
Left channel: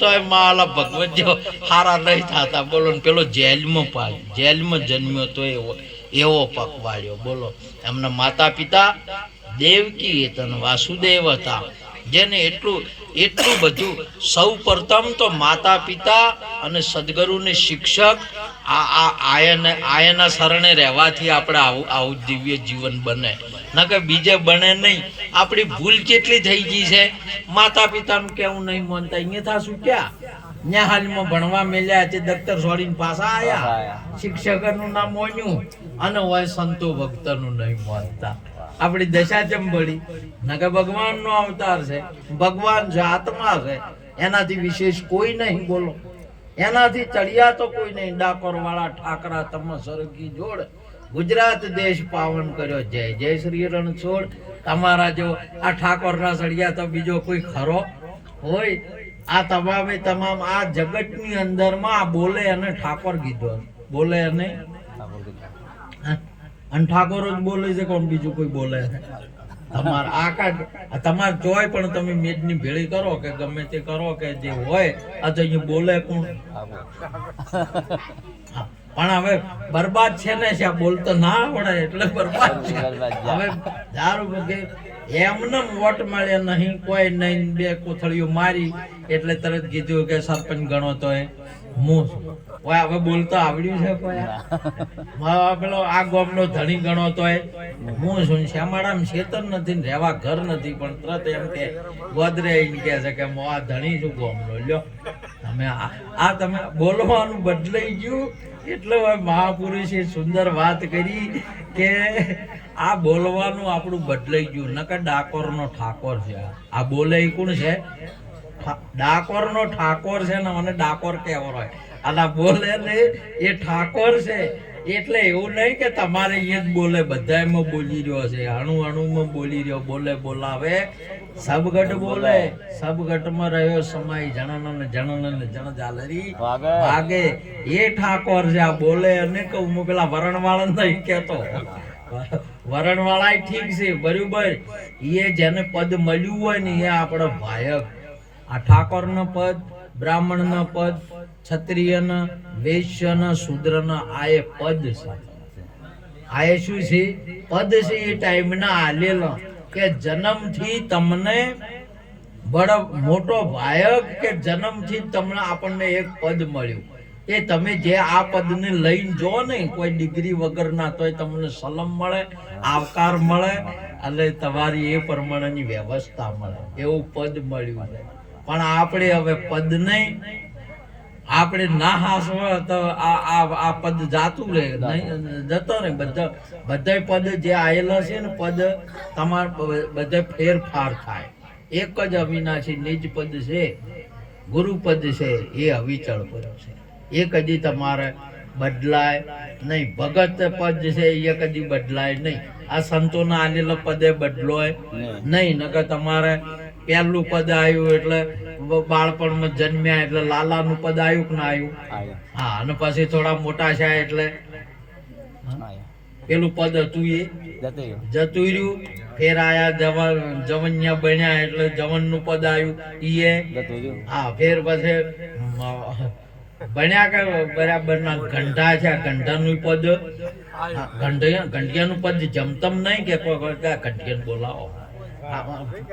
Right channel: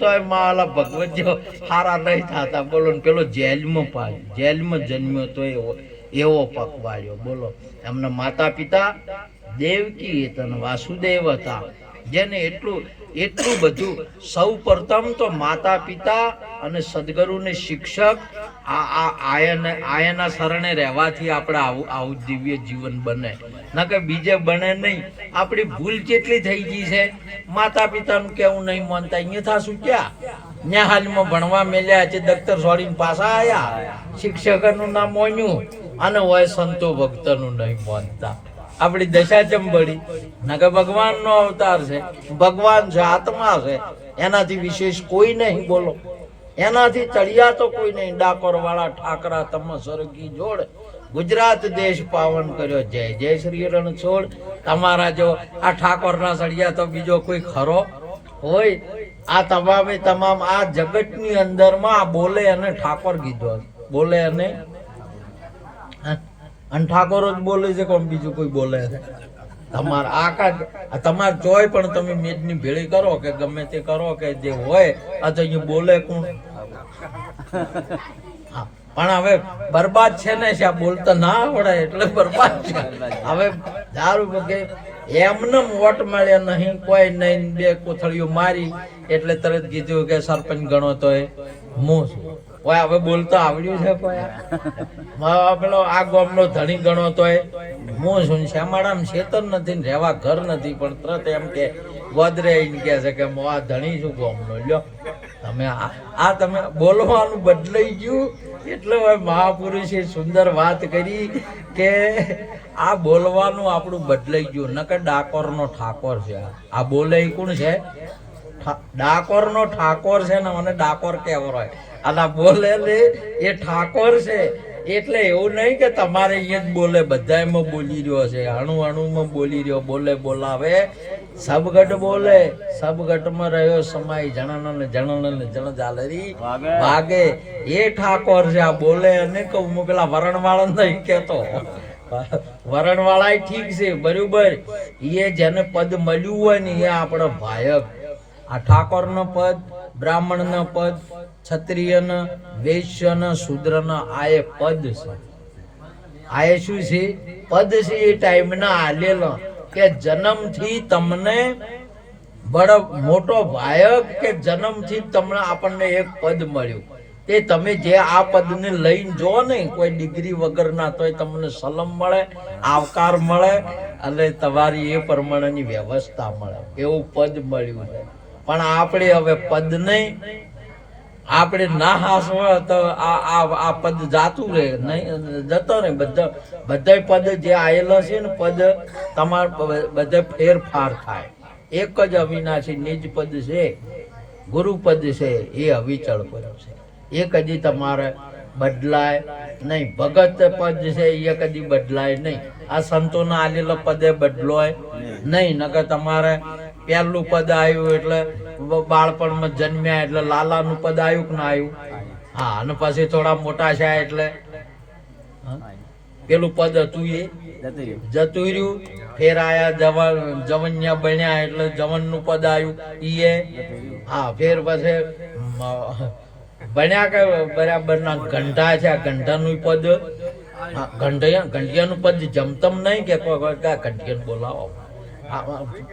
તોય માલા ભગવત જો હારા નહીં થતા બોલો ને પેલો જેલમાં જન્મ્યો તો એવો પકવાડ્યો બોલો. એમના માતા પિતા દેવકી અને વાસુદેવ હતા, જેને એટલું બધું સૌ પ્રથમ તો માતા પિતા અને સદગુરુને શિક્ષક આયના શરણે રહેવાથી આપણે આવું દિવ્ય જીવન બને, ના કે બીજે બને નહીં. આપણી ભૂલ કેટલી થઈ ગઈ છે, માતા પિતાનું કેવું નહીં માનતા, અહીંયા થાશું ક્યાં ન્યા હાલમાં ભણવા મેલ્યા છે, દફતર છોડીને પાછા આયા, શિક્ષકનું નામ મોન્યું અને હોય સંતો ભક્તનું નહીં માનતા. આપણી દશા ચંબળી, ના કે ભગવાનનો અવતાર છે, ભગવાન છે, આત્મા છે, એનાથી વિશેષ કોઈ નહીં બોલો, એનાથી ચડિયા તો કોઈ નહીં. ડાકોર વાળા ઠાકરા તમ સરગી જોડ, ગુજરાત દેશ પાવન કર્યો, જય જય શ્રી રણછોડ. તમારા જો આ ઠાકોરના સળિયા તો બીજો કોઈ ખરો હોય? આ તમામ આ જગતની અંદરમાં આ બોલે અને ઠાકોર કીધો, બોલે અને ઠાકોરો જ બોલે છે, કોણ બીજું કોઈ બોલે છે? તમારા તમારે જોય પણ તમે મેદની ભેળી કરો કે ગમે તે કરો કે જે હોય આ તો અહીંયા બોલે કોણ? પણ હવે બરબાદ છે ને, બોલતા ના આવડે એટલે બરબાદ છે. હવે દારૂ વગેરે એમને વોટ મળ્યા નહીં, કોઈ નહીં, બે કોથળીઓ મારી એટલે તરત કીધું કે સરપંચ ગણો તો હું હવે બોલતા આવડ્યું છે કોઈ? પેલો આ ગામનો ધણી ગણો તો હું શું? શ્યામાળામાં ખેતર નથી ને રહેવા ઘર નથી, પણ તરત એમ કે ગોદરે કે છે કે હું આ ધણી છું ગામનો. લ્યો તમે તમે બોલવાનું બદલાઈ ગયું. એટલે મહાપુરુષે સુંદર વાત કરી કે આ બોલવાનું આપણું બદલાઈ ગયું. નકર ડાકોરનો ઠાકોર છે, આ બોલે કોણ છે? ડાકોરનો ઠાકોર છે ને, મને ડાકોર કેવો હોય, અને બોલે એ ઠાકોર છે. એટલે એવું નહીં કે તમારે અહીંયા જ બોલે, બધામાં બોલી રહ્યો છે, અણુમાં બોલી રહ્યો, બોલે બોલાવે સબગટ બોલે, સબગટમાં રહ્યો સમાય જણ જાલરી વાગે, એ ઠાકોર છે. આ બોલે અને કહું હું પેલા વરણવાળા નહીં કેતો, વરણવાળા ઠીક છે બરોબર, એ જેને પદ મળ્યું હોય ને એ આપણો ભાયક. આ ઠાકોરનો પદ, બ્રાહ્મણનો પદ, ક્ષત્રિયનો, વૈશ્યનો, શૂદ્રનો આ એ પદ છે. આ એ શું છે? પદ છે. એ ટાઈમના આલેલો કે જન્મથી તમને બડો મોટો ભાયક કે જન્મથી તમને આપણને એક પદ મળ્યું, તે તમે જે આ પદને લઈને જો ને, કોઈ ડિગ્રી વગર ના તોય તમને સલામ મળે, આવકાર મળે અને તમારી એ પ્રમાણેની વ્યવસ્થા મળે, એવું પદ મળ્યું છે. પણ આપણે હવે પદ નહીં, આપણે ના હાસવા તો આ પદ જાતું રહે, નહીં જતો રહે. બધા પદ જે આવેલા છે ને પદ તમારે બધા ફેરફાર થાય. એક જ અવિનાશી નિજ પદ છે, ગુરુપદ છે, એ અવિચળ પદ છે, એ કદી તમારે બદલાય નહીં. ભગત પદ છે એ કદી બદલાય નહીં. આ સંતોના આલેલા પદે બદલોય નહીં. નકર તમારે પહેલું પદ આવ્યું એટલે બાળપણમાં જન્મ્યા એટલે લાલાનું પદ આવ્યું કે ના આવ્યું? હા, અને પછી થોડા મોટા છે એટલે પેલું પદ હતું એ જતું રહ્યું. ફેર આયા જવન્યા બન્યા એટલે જવનનું પદ આવ્યું એ. હા, ફેર પછી બન્યા કે બરાબર ના ઘંટા છે, ઘંટાનું પદ, ઘંટિયાનું પદ જમતમ નહીં કે ઘંટિયાને બોલાવો,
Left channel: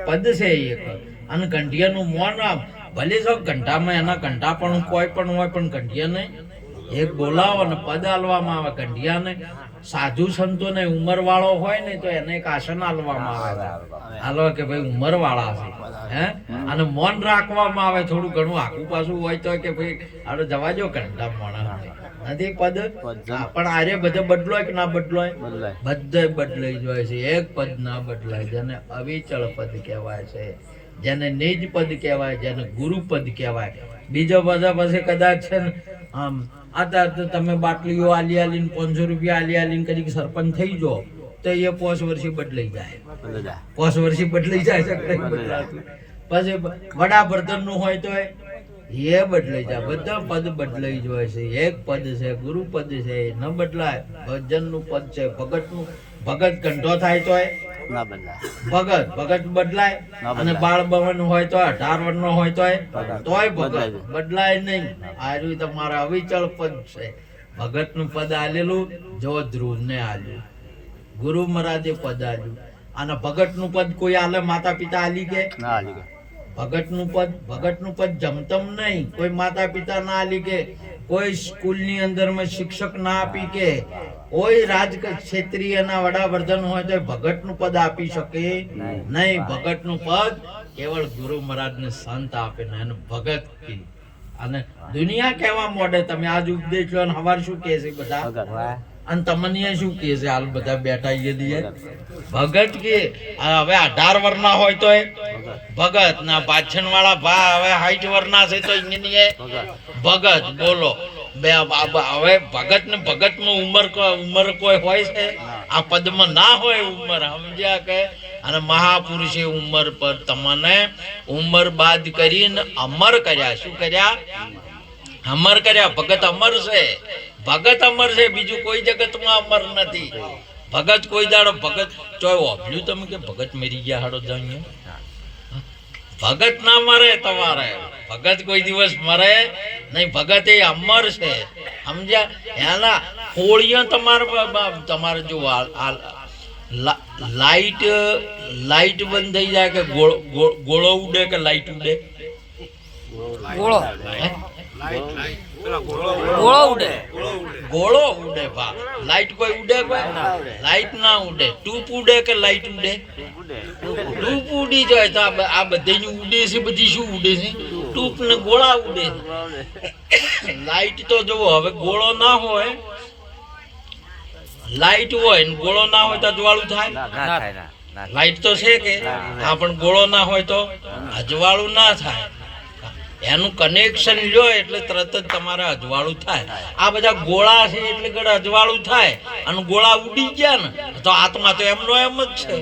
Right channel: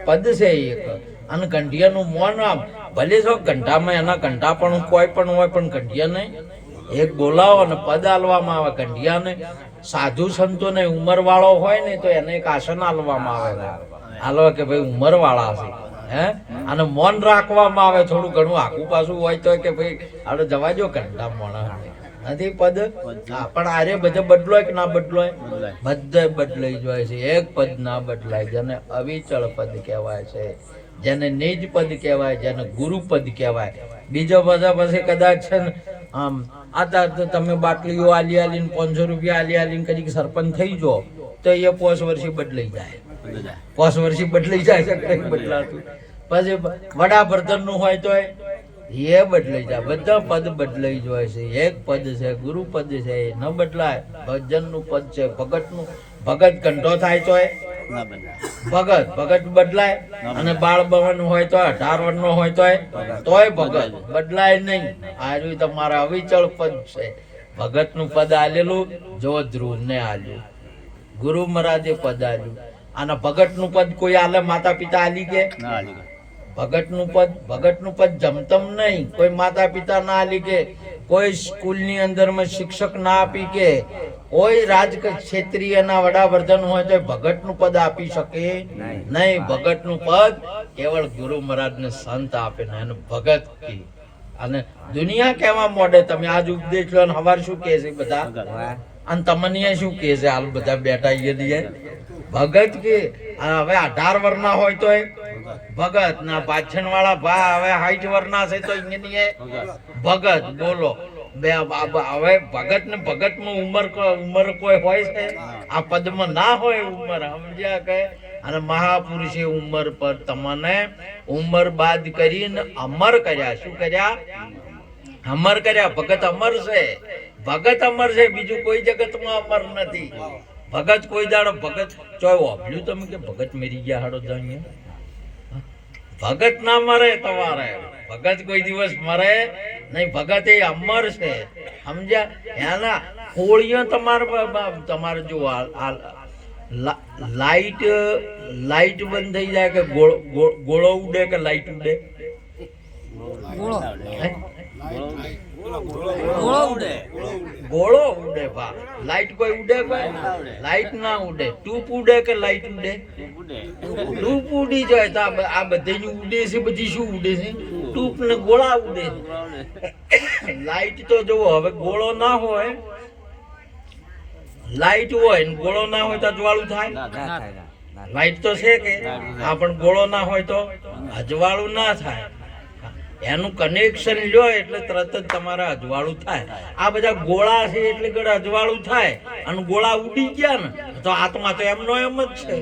પદ છે એક. અને ઘંટિયાનું મોન ભલે છો ઘંટામાં એના ઘંટા પણ કોઈ પણ હોય, પણ ઘંટિયા નહીં એક બોલાવો અને પદ આલવામાં આવે. ઘંટિયાને સાધુ સંતો ને ઉંમર વાળો હોય ને તો એને એક આસન આલવામાં આવે, હાલો કે ભાઈ ઉંમર વાળા છે હે, અને મૌન રાખવામાં આવે. થોડું ઘણું આખું પાછું હોય તો કે ભાઈ આપણે જવા જો ઘંટા મોણા નથી પદ. પણ આરે બધે બદલોય કે ના બદલોય? બધે બદલાઈ જાય છે. એક પદ ના બદલાય, જેને અવિચળ પદ કહેવાય છે, જેને નિજ પદ કહેવાય, જેને ગુરુપદ કહેવાય. બીજો બધા પછી કદાચ છે ને આમ આ તમે બાટલીઓ આલી આલીને 500 રૂપિયા આલી કરી સરપંચ થઈ જાઓ તો એ 5 વર્ષે બદલાઈ જાય, 5 વર્ષે બદલાઈ જાય છે, બદલાતું. પછી વડાપ્રધાન નું હોય તો એ બદલાઈ જાય, બધા પદ બદલાઈ જાય છે. એક પદ છે ગુરુ પદ છે એ ન બદલાય. ભજનનું પદ છે, ભગતનું. ભગત કંઠો થાય તોય ભગત બદલાય, અને બાળ ભવન હોય તો 18 વર્ષનો હોય તોય ભગત બદલાય નહીં. આ રહ્યું તમારા અવિચળ પદ છે. ભગતનું પદ આલેલું જો ધ્રુવને આલ્યું, ગુરુ મહારાજે પદ આલ્યું. અને ભગતનું પદ કોઈ આલે માતા પિતા આલી કે? ભગતનું પદ જમતમ નહીં, કોઈ માતા પિતા ના આલી કે, કોઈ સ્કૂલની અંદરમાં શિક્ષક ના આપી કે, કોઈ રાજ ક્ષેત્રીયના વડાવર્ધન હોય તો ભગતનું પદ આપી શકે નહીં. ભગતનું પદ કેવળ ગુરુ મહારાજને સંત આપે ને એને ભગત કી. અને દુનિયા કેવા મોડે, તમે આજ ઉપદેશ લો હવાર શું કહે છે બધા, અને તમને શું કહે છે હાલ બધા બેઠા ભગત કે. હવે 18 વર્ષના હોય તો ભગત ના, પાછળ વાળા ભા હવે 60 વર્ષના છે તો ભગત. બોલો હવે ભગત ને ભગત માં ઉંમર કોઈ હોય છે? આ પદમાં ના હોય ઉંમર, સમજ્યા કે? અને મહાપુરુષે ઉંમર પર તમને ઉંમર બાદ કરીને અમર કર્યા. શું કર્યા? અમર કર્યા. ભગત અમર છે, ભગત અમર છે, બીજું કોઈ જગતમાં અમર નથી. ભગત કોઈ દાડો ભગત ચોય ઓભલ્યું તમે કે ભગત મરી ગયા હાડો જાણીએ? ભગત ના મરે તમારે, ભગત કોઈ દિવસ મરે નહીં. ભગત એ અમર છે, સમજ્યા? એના હોળીઓ તમારે જો લાઈટ બંધ થઈ જાય કે ગોળો ઉડે કે લાઈટ ઉડે? ગોળો ઉડે ભા. લાઈટ કોઈ ઉડે? કોઈ લાઈટ ના ઉડે. ટૂપ ઉડે કે લાઈટ ઉડે? ટૂપ ઉડી જાય. તો આ બધી ઉડે છે, બધી શું ઉડે છે? ટૂપ ને ગોળા ઉડે છે. લાઈટ તો જુઓ, હવે ગોળો ના હોય, લાઈટ હોય ને ગોળો ના હોય તો અજવાળું થાય? લાઈટ તો છે કે હા, પણ ગોળો ના હોય તો અજવાળું ના થાય. એનું કનેક્શન લ્યો એટલે તરત જ તમારે અજવાળું થાય. આ બધા ગોળા છે એટલે ગળે અજવાળું થાય, અને ગોળા ઉડી ગયા ને તો આત્મા તો એમનો એમ જ છે.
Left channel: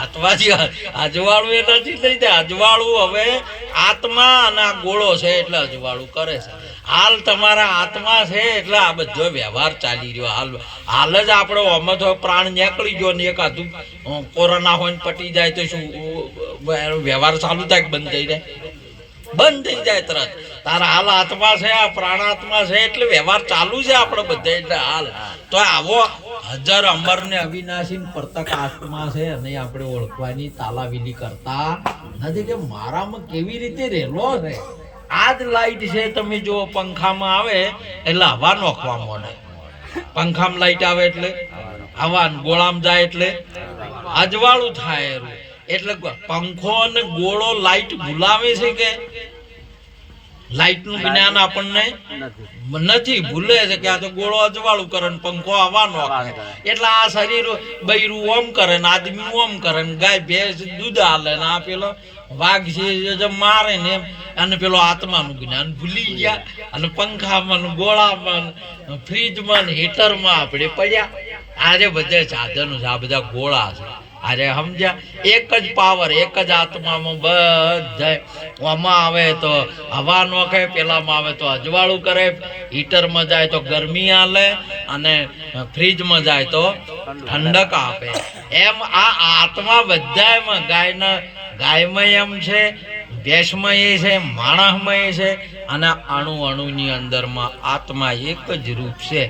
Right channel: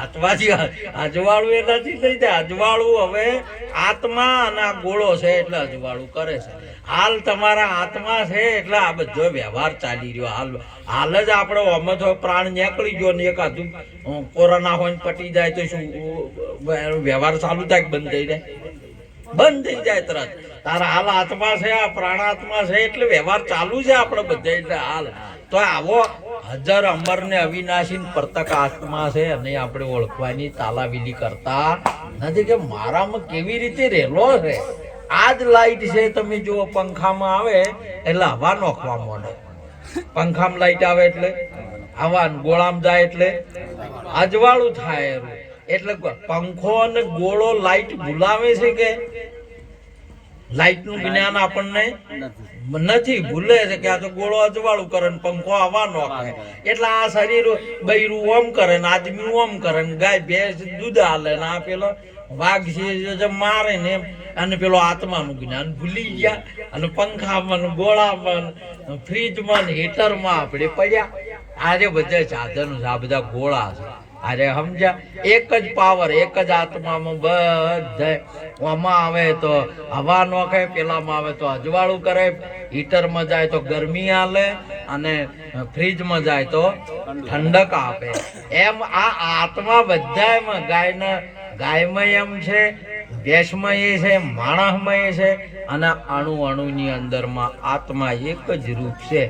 આત્માથી અજવાળું એ નથી થઈ જાય. અજવાળું હવે આત્મા અને આ ગોળો છે એટલે અજવાળું કરે છે. હાલ તમારા આત્મા છે એટલે આ બધો વ્યવહાર ચાલી રહ્યો. હાલ જ આપણે અમત હોય પ્રાણ નીકળી ગયો ને એકાદું કોરોના હોય ને પટી જાય તો શું વ્યવહાર ચાલુ થાય કે બંધ થઈ જાય? બંધ થઈ જાય તરત. તારા હાલ આત્મા છે, આ પ્રાણાત્મા છે એટલે વ્યવહાર ચાલુ છે આપણે બધે. એટલે હાલ તો આવો હજાર અમર ને અવિનાશી પ્રતક આત્મા છે, અને આપણે ઓળખવાની તાલાવીલી કરતા નથી કે મારામાં કેવી રીતે રહેલો છે. આ જ લાઈટ છે, તમે જો પંખામાં આવે એટલે હવા નોખવા માંડે. પંખામાં લાઈટ આવે એટલે હવા, ગોળામાં જાય એટલે અજવાળું થાય. એટલે પંખો અને ગોળો લાઈટ ભૂલાવે છે કે? લાઈટ નું જ્ઞાન આપણને નથી, ભૂલે છે કે આ તો ગોળો અજવાળું કરે ને પંખો હવા નોખે. એટલે આ શરીર બૈરું ઓમ કરે ને આદમી ઓમ કરે ને ગાય ભેંસ દૂધ હાલે ને આ પેલો વાઘ છે મારે ને એમ. અને પેલો આત્માનું જ્ઞાન ભૂલી ગયા, અને પંખામાં, ગોળામાં, ફ્રીજમાં, હીટરમાં આપણે પડ્યા. આજે બધા સાધનો છે, આ બધા ગોળા છે. અરે સમજ્યા? એક જ પાવર, એક જ આત્મામાં બધા. આમાં આવે તો હવા નોખે, પેલામાં આવે તો અજવાળું કરે, હીટરમાં જાય તો ગરમી આલે, અને ફ્રીજમાં જાય તો ઠંડક આપે. એમ આ આત્મા બધામાં ગાયમાં એમ છે, ભેંસમાં એ છે, માણસમાં એ છે, અને અણુની અંદરમાં આત્મા એક જ રૂપ છે.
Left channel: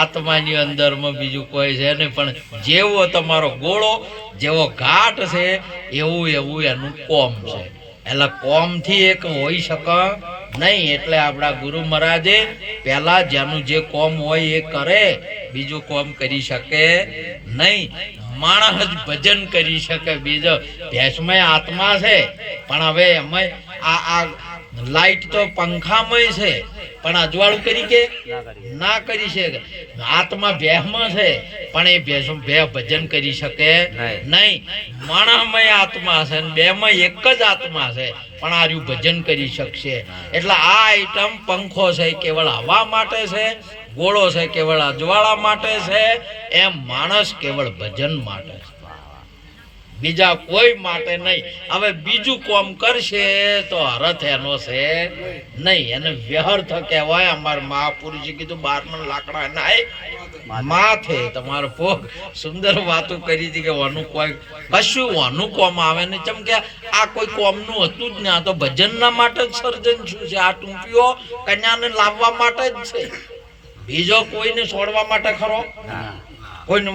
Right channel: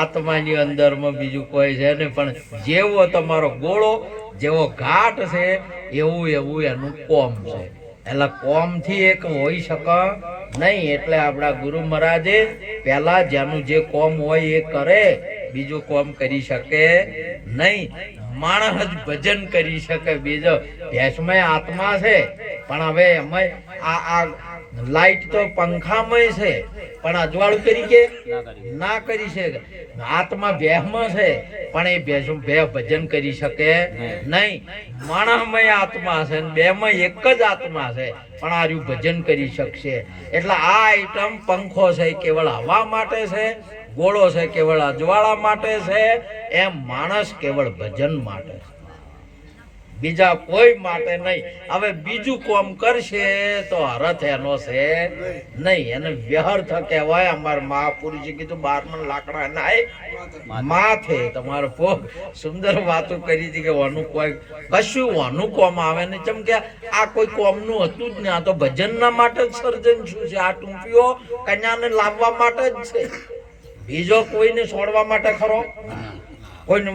આત્માની અંદરમાં બીજું કોઈ છે નહીં. પણ જેવો તમારો ગોળો, જેવો ઘાટ છે, એવું એનું કોમ છે. એટલે કોમથી એક હોઈ શકે નહીં. એટલે આપણા ગુરુ મહારાજે પહેલા જેનું જે કોમ હોય એ કરે, બીજું કોમ કરી શકે નહીં. માણસ જ ભજન કરી શકે. બીજો ભેંસમાં આત્મા છે, પણ હવે એમાં આ લાઈટ તો પંખામાં છે, પણ અજવાળું કરી કે ના કરી શકે. આત્મા ભેંસમાં છે, પણ એ ભેં ભજન કરી શકે નહીં. માણસમાં આત્મા છે, બેમાં એક જ આત્મા છે, પણ આ રહ્યું ભજન કરી શકશે. એટલે આ આઈટમ પંખો છે કેવળ હવા માટે છે, ગોળો છે કેવળ અજવાળા માટે છે, એમ માણસ કેવળ ભજન માટે છે. બીજા કોઈ માટે નહીં. હવે બીજું કોમ કરશે તો હરથ એનો છે નહીં, એને વ્યર્થ કહેવાય. અમારા મહાપુરુષે કીધું 12 લાકડા ના માથે તમારો ભોગ. સુંદર વાતો કરી હતી કે વાનું કોઈ કશું વાનું કોમ આવે ને, ચમ કે આ કોઈ કોમનું હતું જ ને. આ તો ભજનના માટે જ સર્જન શું છે? આ ટૂંપીઓ કન્યાને લાવવા માટે જ છે, બીજો કોઈને છોડવા માટે ખરો? કોઈને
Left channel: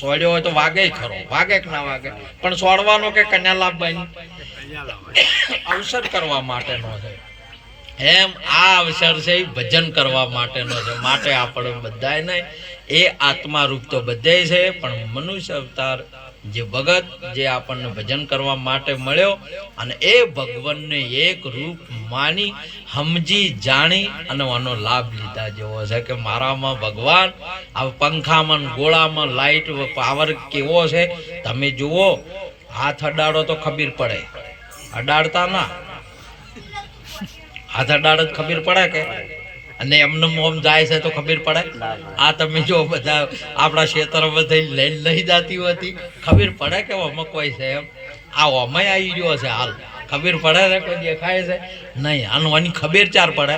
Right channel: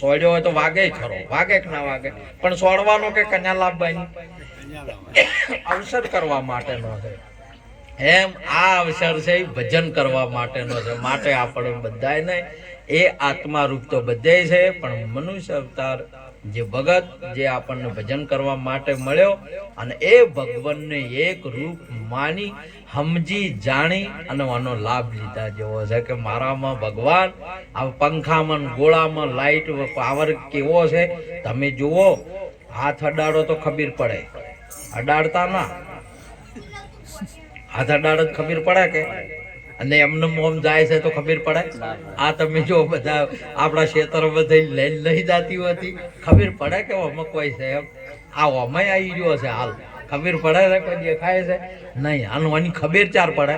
સોડ્યો હોય તો વાગે ખરો, વાગે કે ના વાગે, પણ સોડવાનો કે કન્યા લાવવાની અવસર કરવા માટેનો છે. એમ આ અવસર છે એ ભજન કરવા માટેનો છે. માટે આપણે બધાને એ આત્મારૂપ તો બધે છે, પણ મનુષ્ય અવતાર જે ભગત જે આપણને ભજન કરવા માટે મળ્યો અને એ ભગવાનને એક રૂપ માની સમજી જાણી અને આનો લાભ લીધા જેવો છે કે મારામાં ભગવાન આ પંખામાં ગોળામાં લાઈટ પાવર કેવો છે તમે જુઓ. હાથ અડાડો તો ખબર પડે, અડાડતા ના, હાથ અડાડો જ ખબર પડે કે, અને એમને મોમ જાય છે તો ખબર પડે. આ તમે જો બધા આપણા ક્ષેત્ર બધા લઈ જતી હતી, ખબર પડે કે અમે કોઈ છે એમ. આ અમે આવી ગયો છે હાલ, ખબર પડે છે કોઈ દેખાય છે નહીં. આનું આની ખબર ચાર પડે.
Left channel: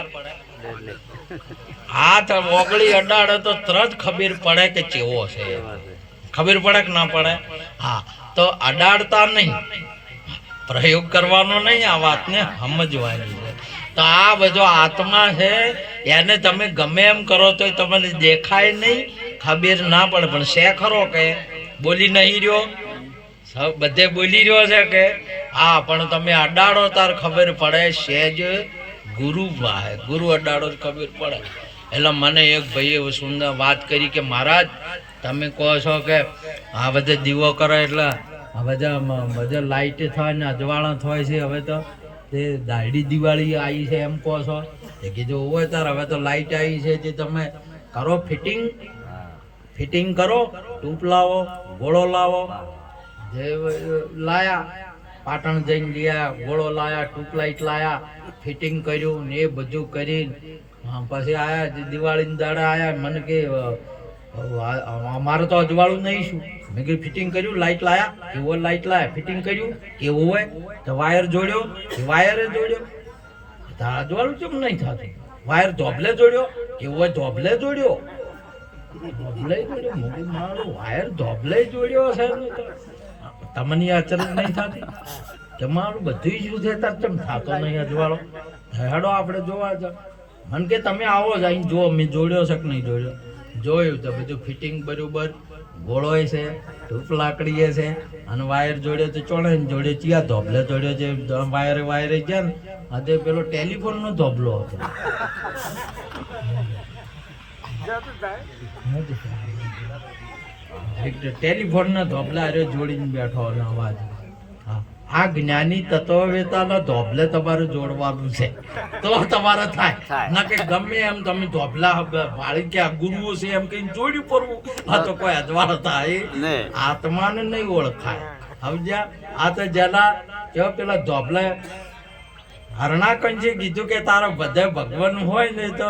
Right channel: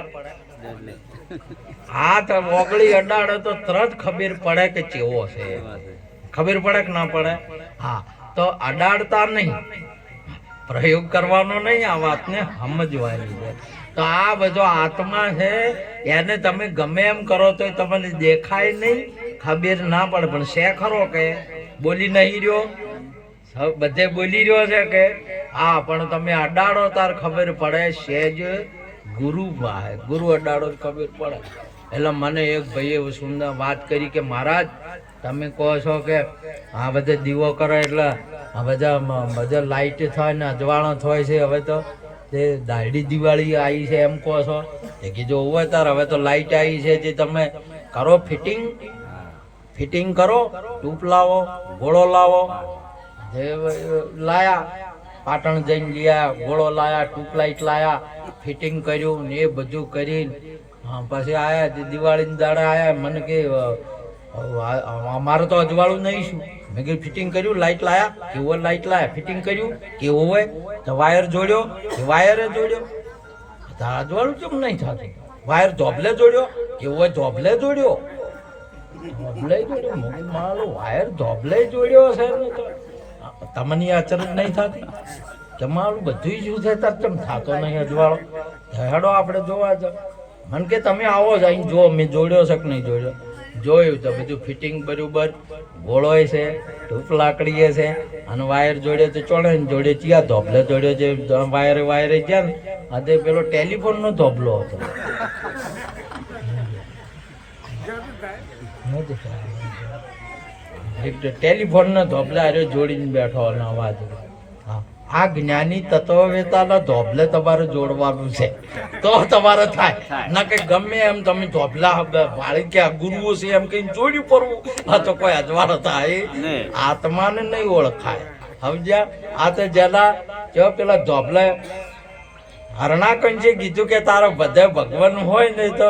હાથ ઓગળી અડાડે તો તરત ખબર પડે કે ચેવો છે, ખબર પડે કે ના પડે? હા, તો અડાડતા નહીં, પ્રયોગ કરવાનો નહીં, આ વાતને સમજવાની છે. તો આ બધો આત્મા છે, એને તમે ગમે એમ કરો તો તમને દેખાય નહીં, ખબર ના પડે, પણ છે ખરો કે બોલી નહીં રહ્યો, બધે બોલી રહ્યો છે કે હા, પણ તમે અડાડો તાર ખબર પડે. સહેજ ગુરુ વાહે, ગુરુ અડાડો ખબર પડે. એટલે મને એક ભાઈએ સુંદર વાત કરી કે મહારાજ તમે કહો છો કે આ બધે દીવો કરે એટલે બધા લાઇટ થાય ને અજવાળા થાય છે, હવે તો તે દાઢી દિવાળી આવી છે એમ કહો છો? એ કીધું હોય તાર હવે તો લાઇટ આવી છે, તે તમે કરો ફિટિંગ, ફિટિંગ કરો, ટૂપ લાવો, ગોળો લાવો. જે લાયા પાટણ જઈને ગયા, ગોળો લાયા, ટ્યુબલાઇટ લાયા, ફિટિંગ કર્યું ને એ બધું કરીને પછી આયા દિવાળીના દાડે આયા. મને કે અમારે તો અજવાળું નહીં શું? મેં કીધું ફિટિંગ કર્યું, લાઇટ લાયા, કેવો લાઇટ લાયા, ફિટિંગ કર્યું કેવું હોય, તો વાયર જોડ્યો, વાયરે જોડ્યો, અજવાળું કેમ નહીં થતું? વાયર ધોબલે જોડ્યો, કેવો હોય ધોબલે જોડ્યો, ધોબલે જોડ્યો, મારો વાયર ધોબલે જોડ્યો છે તો તમને અચરજ નહીં થતી? તમારું બધું શું છે તાર કેમ થતો નહીં અજવાળો? હેડો આપણે જોવા જાવ. મને કે તમે આવો જ આવીને જો મેં જોડ્યો છે કે નહીં જોડ્યો. જોયું તો બધું ફિટિંગ બરોબર, ગોળોય છે, ધૂપ લાકડીએ છે, અને વાયર જોડે તો ચોડે ને જોડે ચિયા ધોબલે જોડ્યો છે. વાયરે ગયા ને આજે પેલો ટેલિફોનનો ધોબલો હતો. ટેલિફોનના ધોબલા અરે જોડીને બેઠો અને અવાજ. આ જ્ઞાની તત્વવેતાના ધોબલે તમારે જોડવાનું છે તો તમારે થાય. ના કે ગમે એમ તમે ધોબલા વાળી કે ગુરુઓ છે એમ કઈ જોડ્યું પડવું, આ તો કોઈ અજવાળ થાય. આત્માને નહીં ઓળખાય, સમજ્યા? આ તો જેના જો પેલા ધોબલે હરણાકંજે કીધું કે તારા બધા ભગવાન હોય ને તો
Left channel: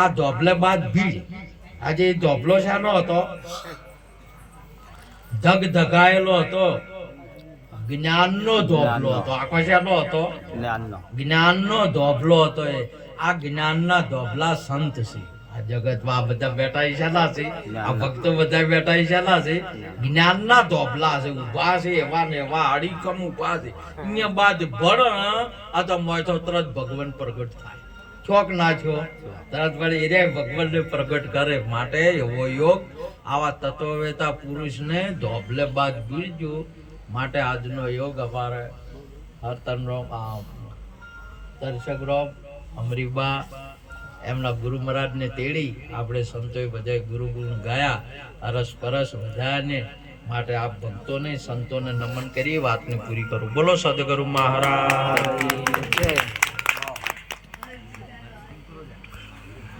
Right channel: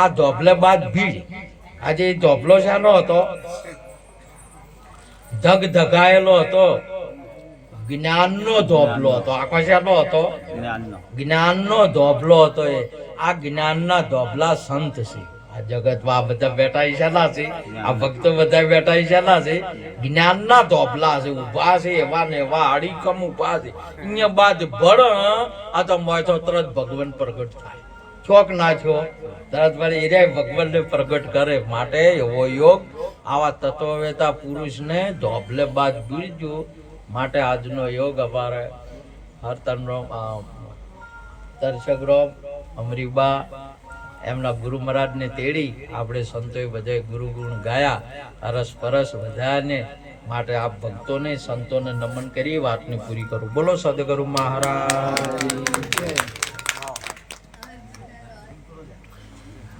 આ ધોબલે બાદ ભીડ. આજે ધોબલો શાનો હતો? ધગ ધગાયેલો હતો, જ્ઞાનનો ધોબલો હતો. આખો શાનો હતો? જ્ઞાનનો ધોબલો હતો. એ આ જ્ઞાનના ધોબલા સંત છે. આ જગતમાં બધા બેઠા ઈશાના છે, આ ભક્તો બધા બેઠા ઈશાના છે, જ્ઞાનના ધોબલા છે, ઉભા છે એવા ને એવા અડીકમ ઉભા છે. અહીંયા બાદ ભળ આ તો મોય તો તરત ભગવાન પ્રગટ થાય. છોક ના છો તરત વળી એ ભગવાનને પ્રગટ કરે. માટે એવો યોગ આવા તત્વવેતા પુરુષને ધોબલે બાદ ભૂલજો. માટે આજનો યોગ અમારે હરતનરામ દર્શકરામ અમરીબા એમના ગુરુ મહારાજને તેડી આપણે સંતોએ બધાએ ગુરુ ગુણ ગાયા, અરસ પરસ બધાને. માટે આપ ભક્તોને સંતોને નમન કરી વાતને પૂરી કરું. બોલો સદગુરુ મહારાજ.